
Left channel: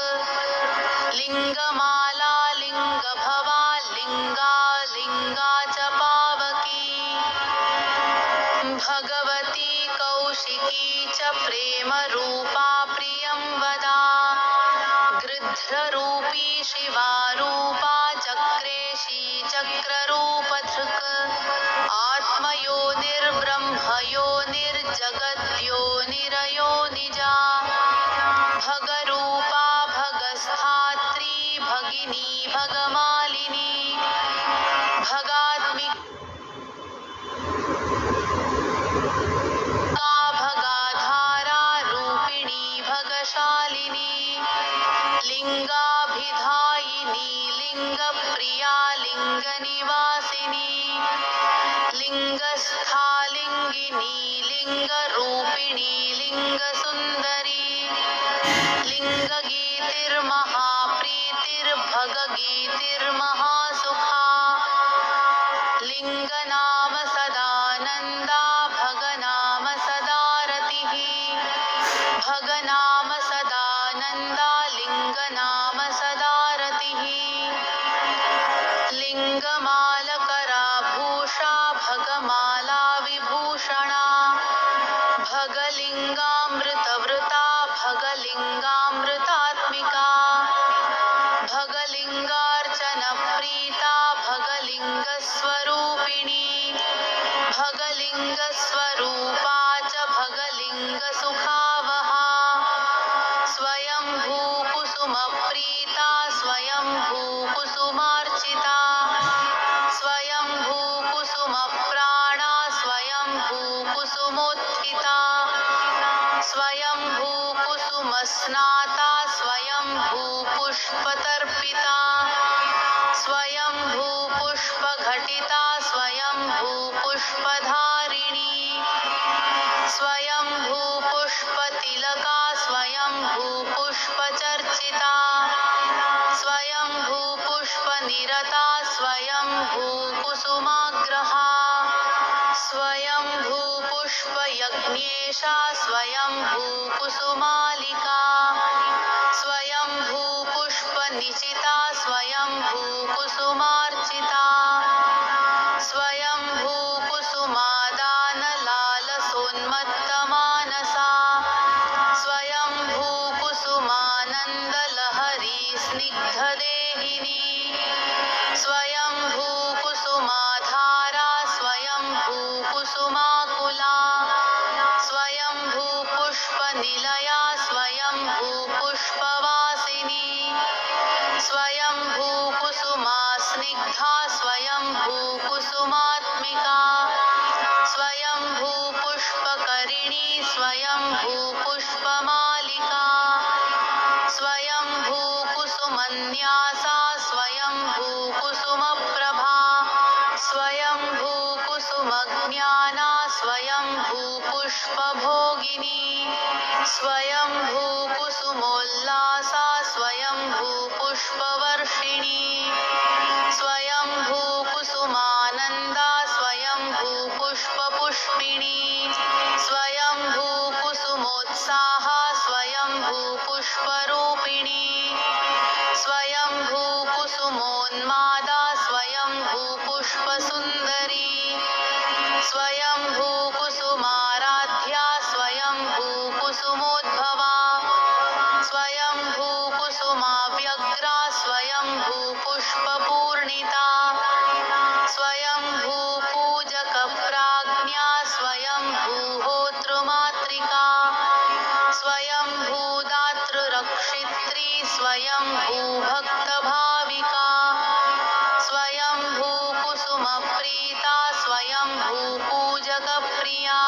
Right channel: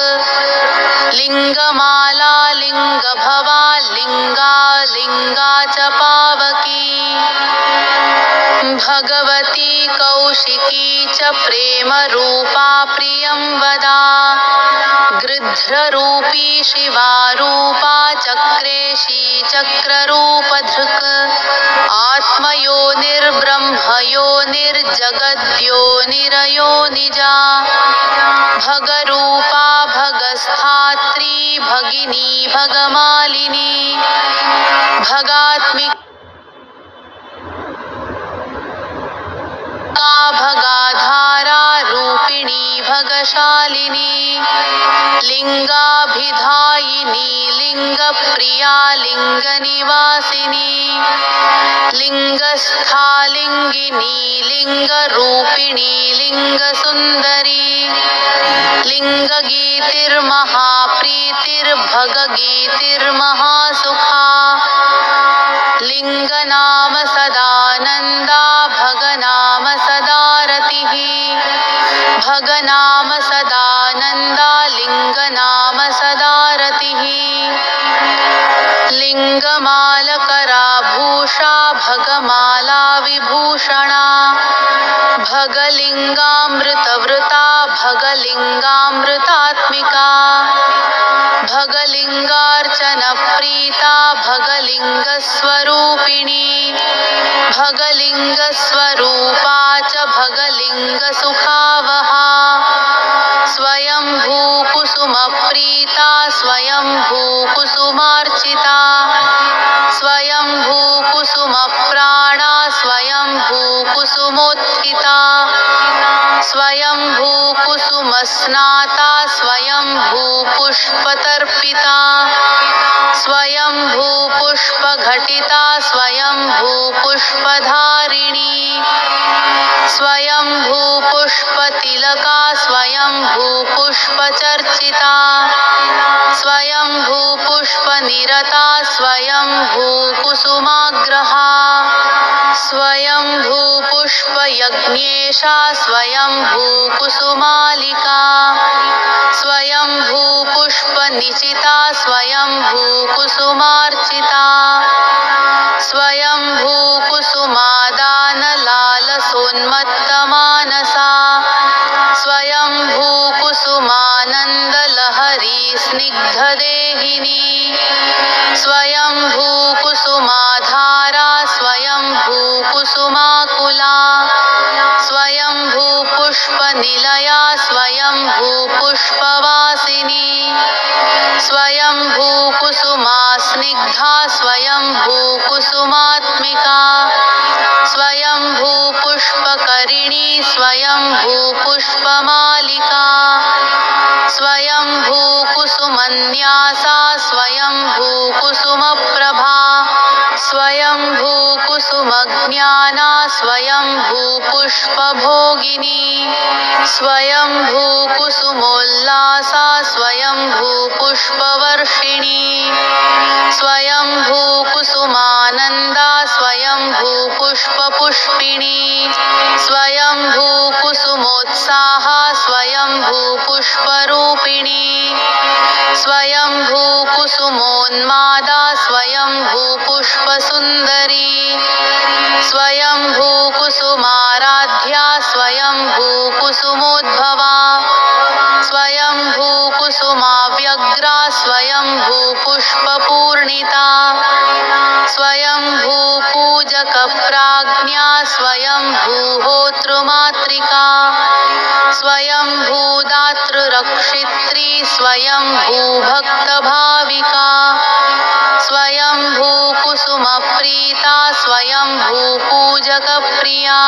लिङ्गमाला लिङ्गभवा लिङ्गा लिङ्गा च पावकी भगवती कौशिकी च प्रेमरूपा प्रियं वदा गृध्ररूपी शिवारूपा चक्रेशी चक्ररूपधृक् आत्मयोनिर्ब्रह्मयोनिर्जगद्योनिरयो निजा भगरूपा भगस्थात्री भगिनी भगमालिनी भगात्मिका भगाधारा रूपिणी भगशालिनी लिङ्गाभिधायिनी लिङ्गप्रिया लिङ्गनिवासिनी लिङ्गस्था लिङ्गिनी लिङ्गरूपिणी लिङ्गसुन्दरी लिङ्गगीतिर्महाप्रीतिर्भगगीतिर्महासुखा लिङ्गनाम सदानन्दा भगनाम सदारतिः भगनाम सदानन्दा लिङ्गनाम सदारतिः लिङ्गमालकराभूषा भगमाला विभूषणा भगलिङ्गामृतवृता भगलिङ्गामृतात्मिका भगलिङ्गार्चनप्रीता भगलिङ्गस्वरूपिणी भगलिङ्गस्वरूपा च भगलिङ्गसुखावहा स्वयंभूकुसुमप्रीता स्वयंभूकुसुमार्चिता स्वयंभूकुसुमप्राणा स्वयंभूकुसुमोत्थिता स्वयंभूकुसुमस्नाता स्वयंभूपुष्पतर्पिता स्वयंभूपुष्पघटिता स्वयंभूपुष्पधारिणी स्वयंभूपुष्पतिलका स्वयंभूपुष्पचर्चिता स्वयंभूपुष्पनिरता स्वयंभूकुसुमाग्रहा स्वयंभूपुष्पयज्ञेशा स्वयंभूकुसुमालिका स्वयंभूपुष्पनिचिता स्वयंभूकुसुमार्चिता स्वयंभूकुसुमादानलालसोन्मत्तमानसा स्वयंभूकुसुमानन्दलहरी स्निग्धदेहिनी स्वयंभूकुसुमाधारा स्वयंभूकुसुमाकुला स्वयंभूपुष्पनिलया स्वयंभूपुष्पवासिनी स्वयंभूकुसुमास्निग्धा स्वयंभूकुसुमात्मिका स्वयंभूपुष्पकरिणी स्वयंभूपुष्पमालिका स्वयंभूकुसुमन्यासा स्वयंभूकुसुमप्रभा स्वयंभूकुसुमज्ञाना स्वयंभूपुष्पभोगिनी स्वयंभूकुसुमोल्लासा स्वयंभूपुष्पवर्षिणी स्वयंभूकुसुमानन्दा स्वयंभूपुष्पपुष्पिणी स्वयंभूकुसुमोत्साहा स्वयंभूपुष्परूपिणी स्वयंभूकुसुमोन्मादा स्वयंभूपुष्पसुन्दरी स्वयंभूकुसुमाराध्या स्वयंभूकुसुमोद्भवा स्वयंभूहोतृमातृका स्वयंभूदातृरक्षित्री स्वयंभूभक्तभाविका स्वयंभूकुसुमप्रीता स्वयंभूपूजकप्रिया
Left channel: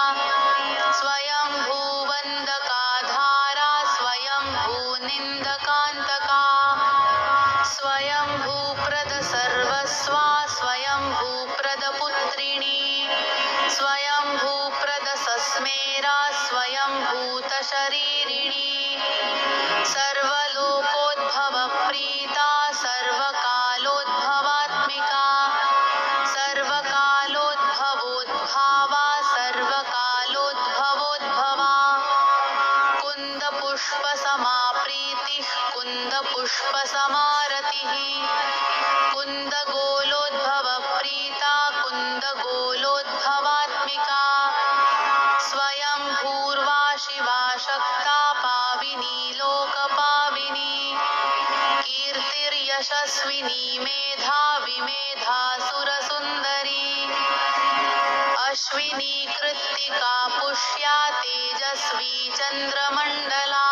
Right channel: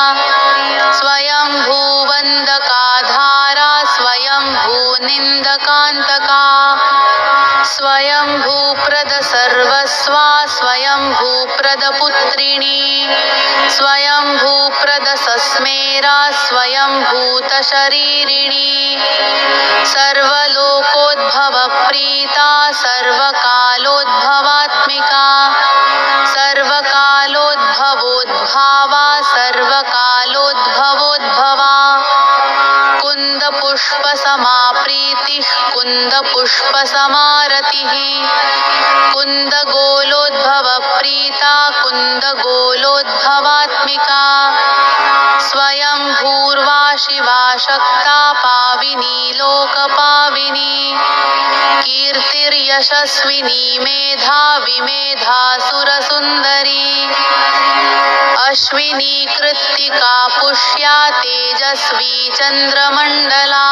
स्वयंभूवन्दकाधारा स्वयंभूनिन्दकान्तका स्वयंभूप्रदसर्वस्वा स्वयंभूप्रदपुत्रिणी स्वयंभूप्रदसस्मेरा स्वयंभूतशरीरिणी सर्वलोकोद्भवप्रीता सर्वकालोद्भवात्मिका सर्वकालोद्भवोद्भावा सर्वकालोद्भवोद्भवा कुन्दपुष्पसमाप्रीतिः कुन्दपुष्पसमारतिः कुन्दगोलोद्भवप्रीता कुन्दगोलोद्भवात्मिका स्वयंभूर्वा शिवा शक्ता पाविनी लोकपाविनी कीर्तिर्यशस्विनी मेधावी मेधासुरसुन्दरी अश्विनी कृत्तिका पुष्या तेजस्वी चन्द्रमण्डला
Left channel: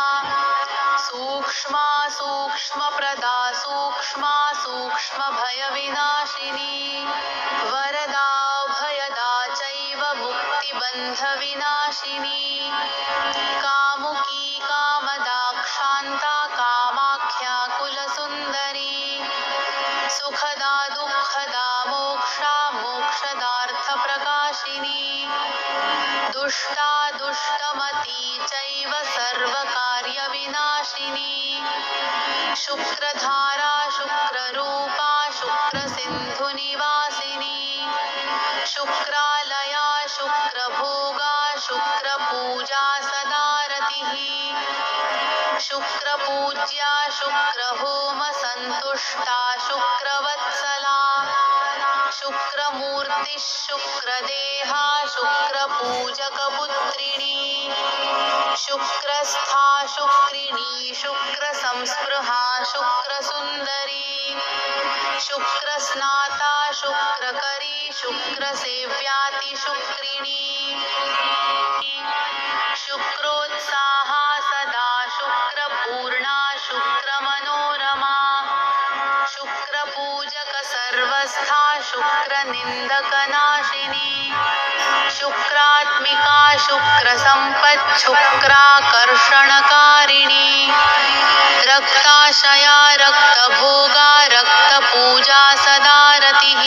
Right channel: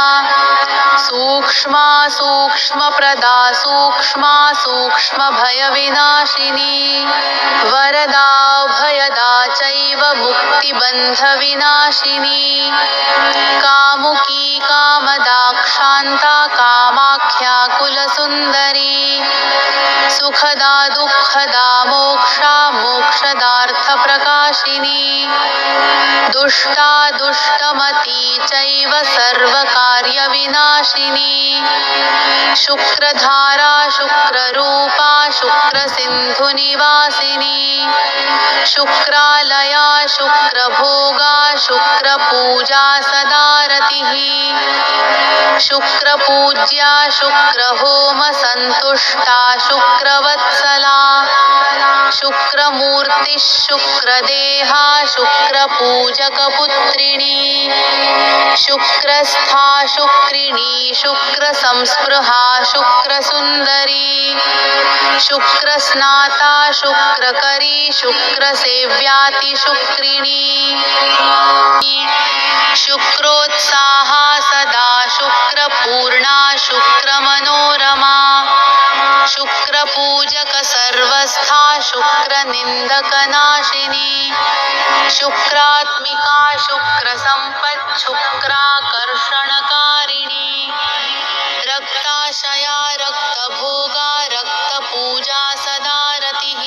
सूक्ष्मा सूक्ष्मप्रदा सूक्ष्मा सूक्ष्मभयविनाशिनी वरदा भयदा चैव मुक्तिबन्धविनाशिनी कामुकी कामदाक्षान्ता कामाख्या कुलसुन्दरी सुखदा दुःखदा मोक्षा मोक्षदार्थप्रकाशिनी दुष्टा दुष्टमती चैव सर्वकार्यविनाशिनी शुक्रधारा शुक्ररूपा शुक्रसिन्धुनिवासिनी शुक्रालया शुक्रभोगा शुक्रपूजा सदारतिः शुक्रपूज्या शुक्रहोमसन्तुष्टा शुक्रवत्सला शुक्रमूर्तिः शुक्रदेहा शुक्रपूजकपुत्रिणी शुक्रस्था शुक्रिणी शुक्रसंस्पृहा शुक्रसुन्दरी शुक्रस्नाता शुक्रकरी शुक्रसेव्यातिशुक्रिणी शुक्रोत्साहा सदा शुक्रपूर्णा शुक्रमनोरमा शुक्रपूजकसर्वस्था शुक्रनिन्दकनाशिनी शुक्रात्मिका शुक्रसम्पत् शुक्राकर्षणकारिणी रक्ताशया रक्तभोगा रक्तपूजा सदारतिः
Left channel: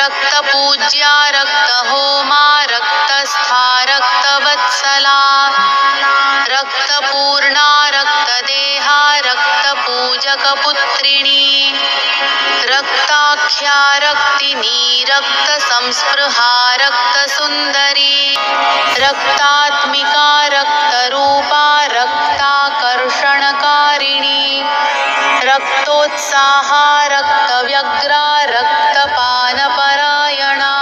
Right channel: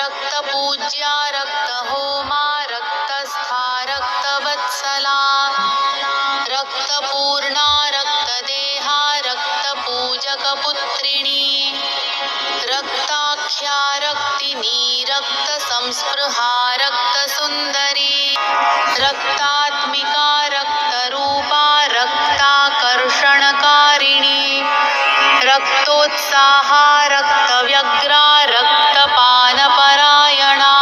रक्तपूज्या रक्तहोमा रक्तस्था रक्तवत्सला रक्तपूर्णा रक्तदेहा रक्तपूजकपुत्रिणी रक्ताख्या रक्तिनी रक्तसंस्पृहा रक्तसुन्दरी रक्तात्मिका रक्तरूपा रक्ताकर्षणकारिणी रक्तोत्साहा रक्तव्यग्रा रक्तपानपरायणा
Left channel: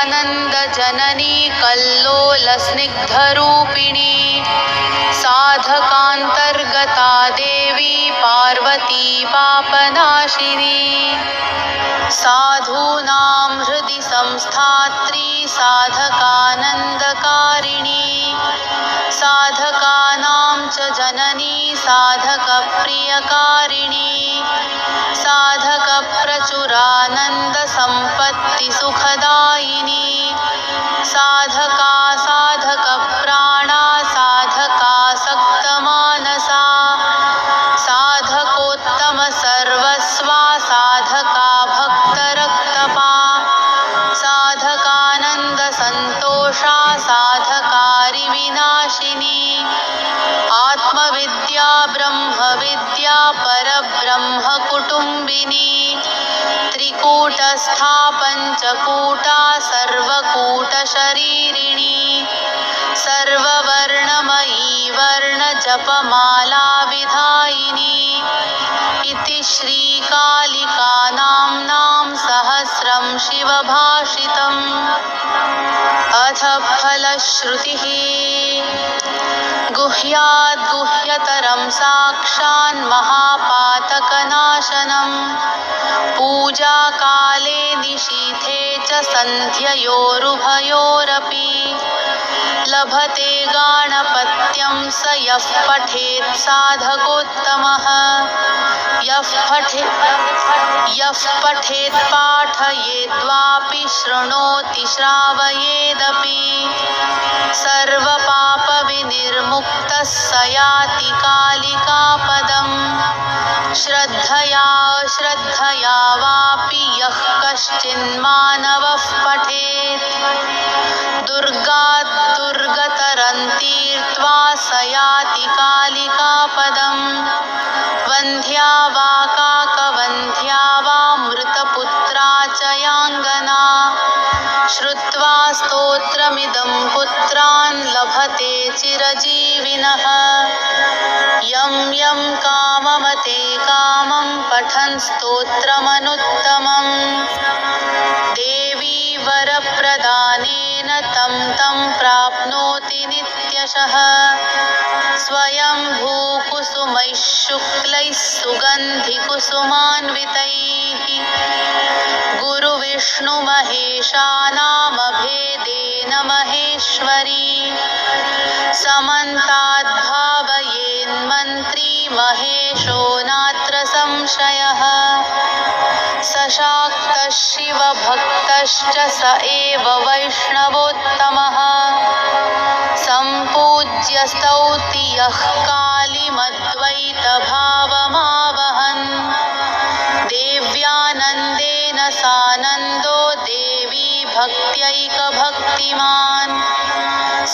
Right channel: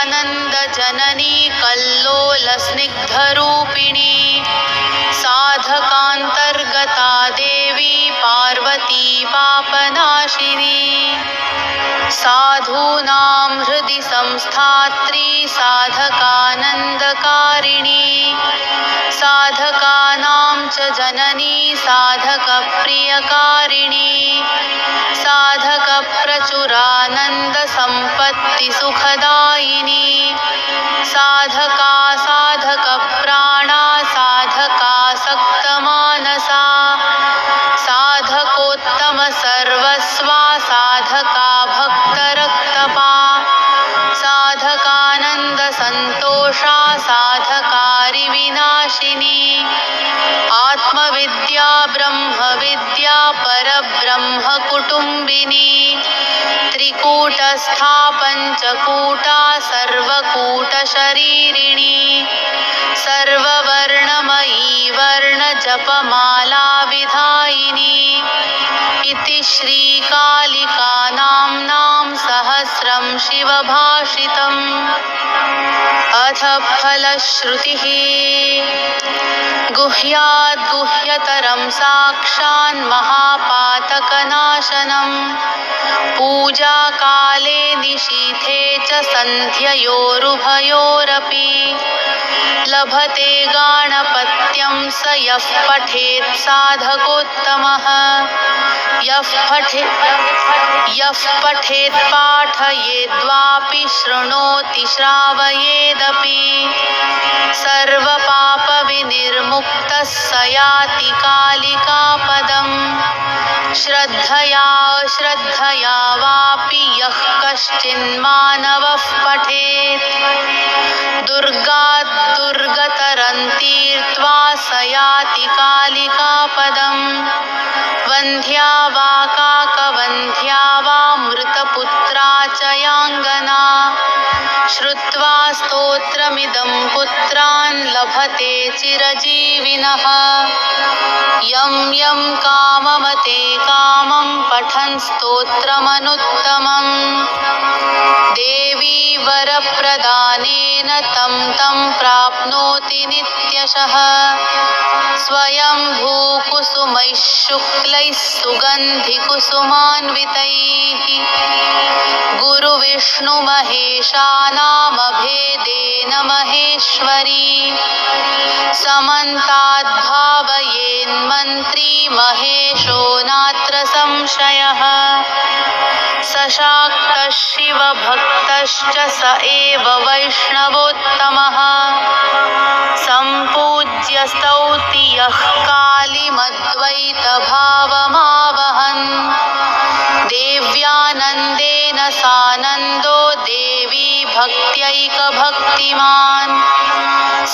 शोणितानन्दजननी कल्लोलस्निग्धरूपिणी साधकान्तर्गता देवी पार्वती पापनाशिनी साधूनां हृदि संस्थात्री साधकानन्दकारिणी साधकानां च जननी साधकप्रियकारिणी साधकप्रचुरानन्दसम्पत्तिसुखदायिनी साधका साधकप्राणा साधकासक्तमानसा साधकोत्तमसर्वस्वा साधका भक्तरक्तपा साधकानन्दसन्तोषा साधकारिविनाशिनी आत्मविद्या ब्रह्मविद्या परब्रह्मकुटुम्बिनी त्रिकूटस्था पञ्चकूटा सर्वकूटशरीरिणी सर्ववर्णमयी वर्णजपमाला विधायिनी इति श्रीकालिकानाम्नां सहस्रं शिवभाषितम् अथ फलश्रुतिः गुह्याद्गुह्यतरं साक्षान्महापातकनाशनं पूजाकाले निशीथे च सन्ध्ययोरुभयोरपि लभते गाणपत्यं स यः पठेत् साधकोत्तमः यः पठेत् पाठयेद्वापि शृणोति श्रावयेदपि सर्वपापविनिर्मुक्तः स याति कालिकापदम् श्रद्धया अश्रद्धया वापि यः कश्चिन्मानवः पठेत् दुर्गात् दुर्गतरं तीर्त्वा स याति कालिकापदम् वन्ध्या वा काकवन्ध्या वा मृतपुत्रा च याङ्गना श्रुत्वा स्तोत्रमिदं पुत्रान् लभते चिरजीविनः यं यं काममते कामं पठन् स्तोत्रमनुत्तमम् देवी वरप्रदानेन तं तं प्राप्नोति नित्यशः स्वयंभूकुसुमैः शुक्लैः सुगन्धिकुसुमान्वितैः गुरुविष्णुमहेशानामभेदेन महेश्वरी समन्ताद्भावयेन्मन्त्री महेशो नात्र संशयः सशाक्तः शिवभक्तश्च स एव वैष्णवोत्तमः सम्पूज्य स्तौति यः कालीमद्वैतभावमावहन् देव्यानन्देन सानन्दो देवी भक्त्यैकभक्तिमान्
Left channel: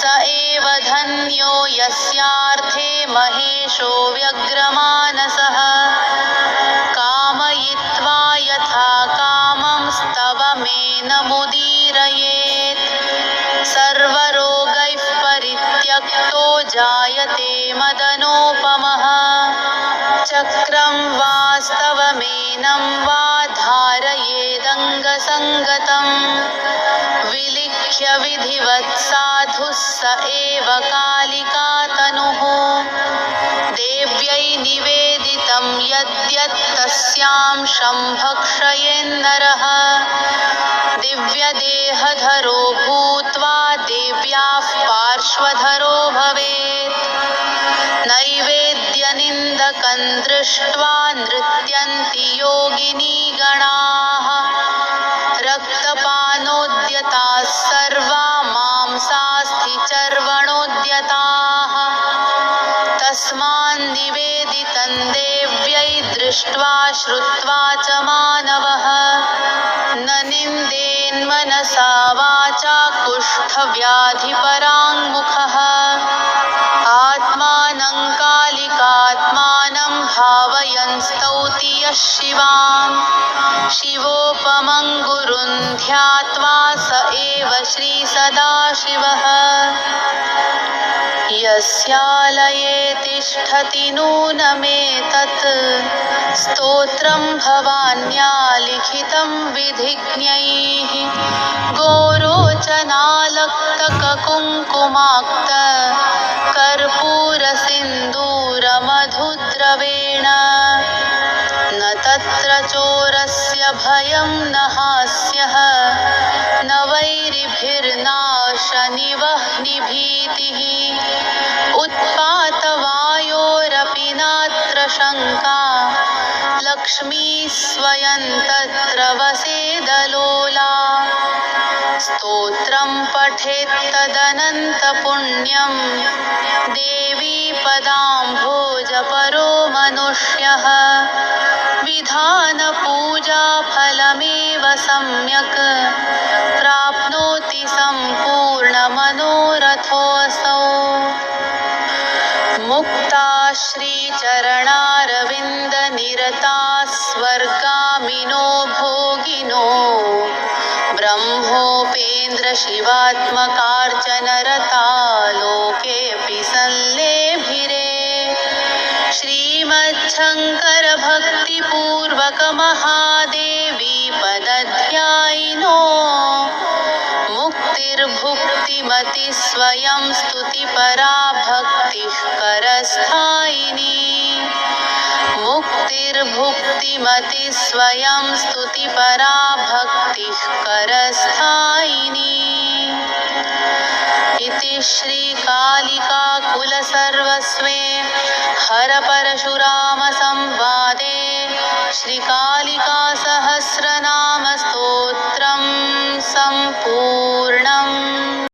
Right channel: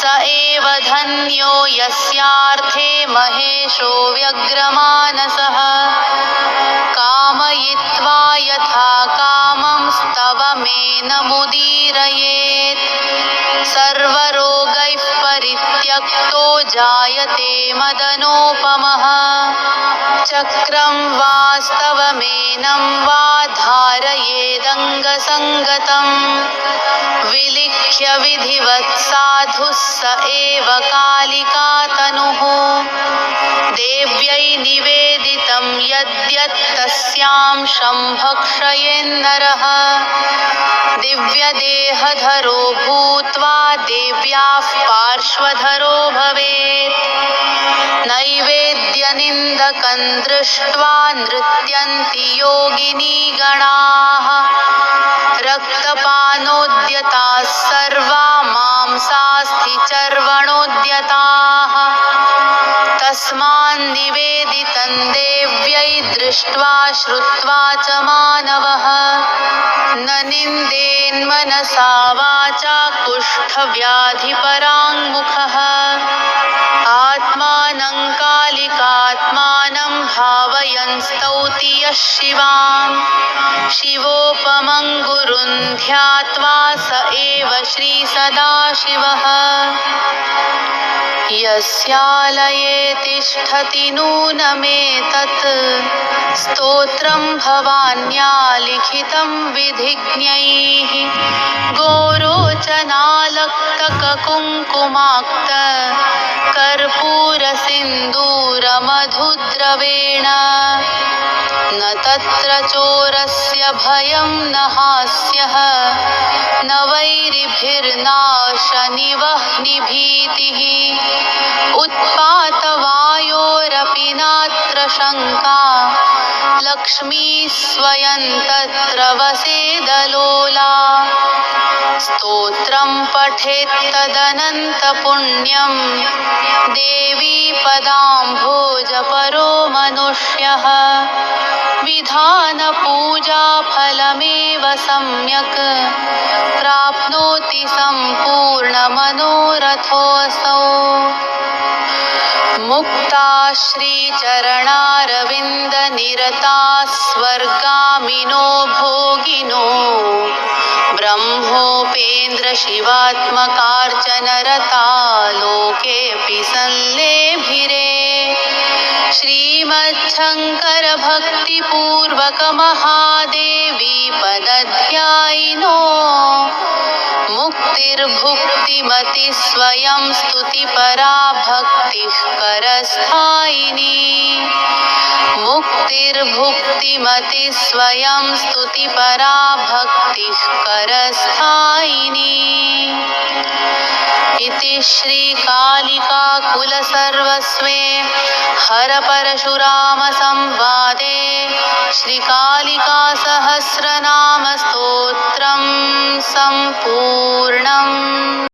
स एव धन्यो यस्यार्थे महेशो व्यग्रमानसः कामयित्वा यथा कामं स्तवमेनमुदीरयेत् सर्वरोगैः परित्यक्तो जायते मदनोपमः चक्रं वा स्तवमेनं वा धारयेदङ्गसङ्गतं विलिख्य विधिवत् साधुः स एव कालिकातनुः देव्यै निवेदितं यद्यत् तस्यां शम्भक्षयेन्नरः दिव्यदेहधरो भूत्वा देव्याः पार्श्वधरो भवेत् नैवेद्यनिन्दकं दृष्ट्वा नृत्यन्ति योगिनीगणाः रक्तपानोद्यताः सर्वा मांसास्थिचर्वणोद्यताः तस्मान्निवेदितं देव्यै दृष्ट्वा श्रुत्वा च मानवः न निन्देन्मनसा वाचा कुष्ठव्याधिपराङ्मुखः आत्मानं कालिकात्मानं भावयन् स्तौति यः शिवां शिवोपमं गुरुं ध्यात्वा स एव श्रीसदाशिवः यस्यालये तिष्ठति नूनमेतत् स्तोत्रं भवान्या लिखितं विधिज्ञैः गोरोचनालक्तककुङ्कुमाक्त कर्पूरसिन्दूरमधुद्रवेण न तत्र चोरस्य भयं न हास्यः न वैरिभिर्नाशनिवह्निभीतिः उत्पातवायोरपि नात्र शङ्का लक्ष्मी स्वयं तत्र वसेदलोला स्तोत्रं पठेत्तदनन्तपुण्यं देवी पदाम्भोजपरो मनुष्यः विधानपूजाफलमेव सम्यक् प्राप्नोति सम्पूर्णमनोरथोऽसौ मुक्ता श्रीचरणारविन्दनिरताः स्वर्गामिनो भोगिनो ब्रह्मोपेन्द्रशिवात्मकार्चनरता लोकेऽपि संलेभिरे श्रीमच्छङ्करभक्तिपूर्वकमहादेवी पदध्यायिनो मुक्त मुक्तिर्भुक्तिमति स्वयं स्तुतिपरा भक्तिः करस्थायिनी मुक्तिर्भुक्तिमति स्वयं स्तुतिपरा भक्तिः करस्थायिनी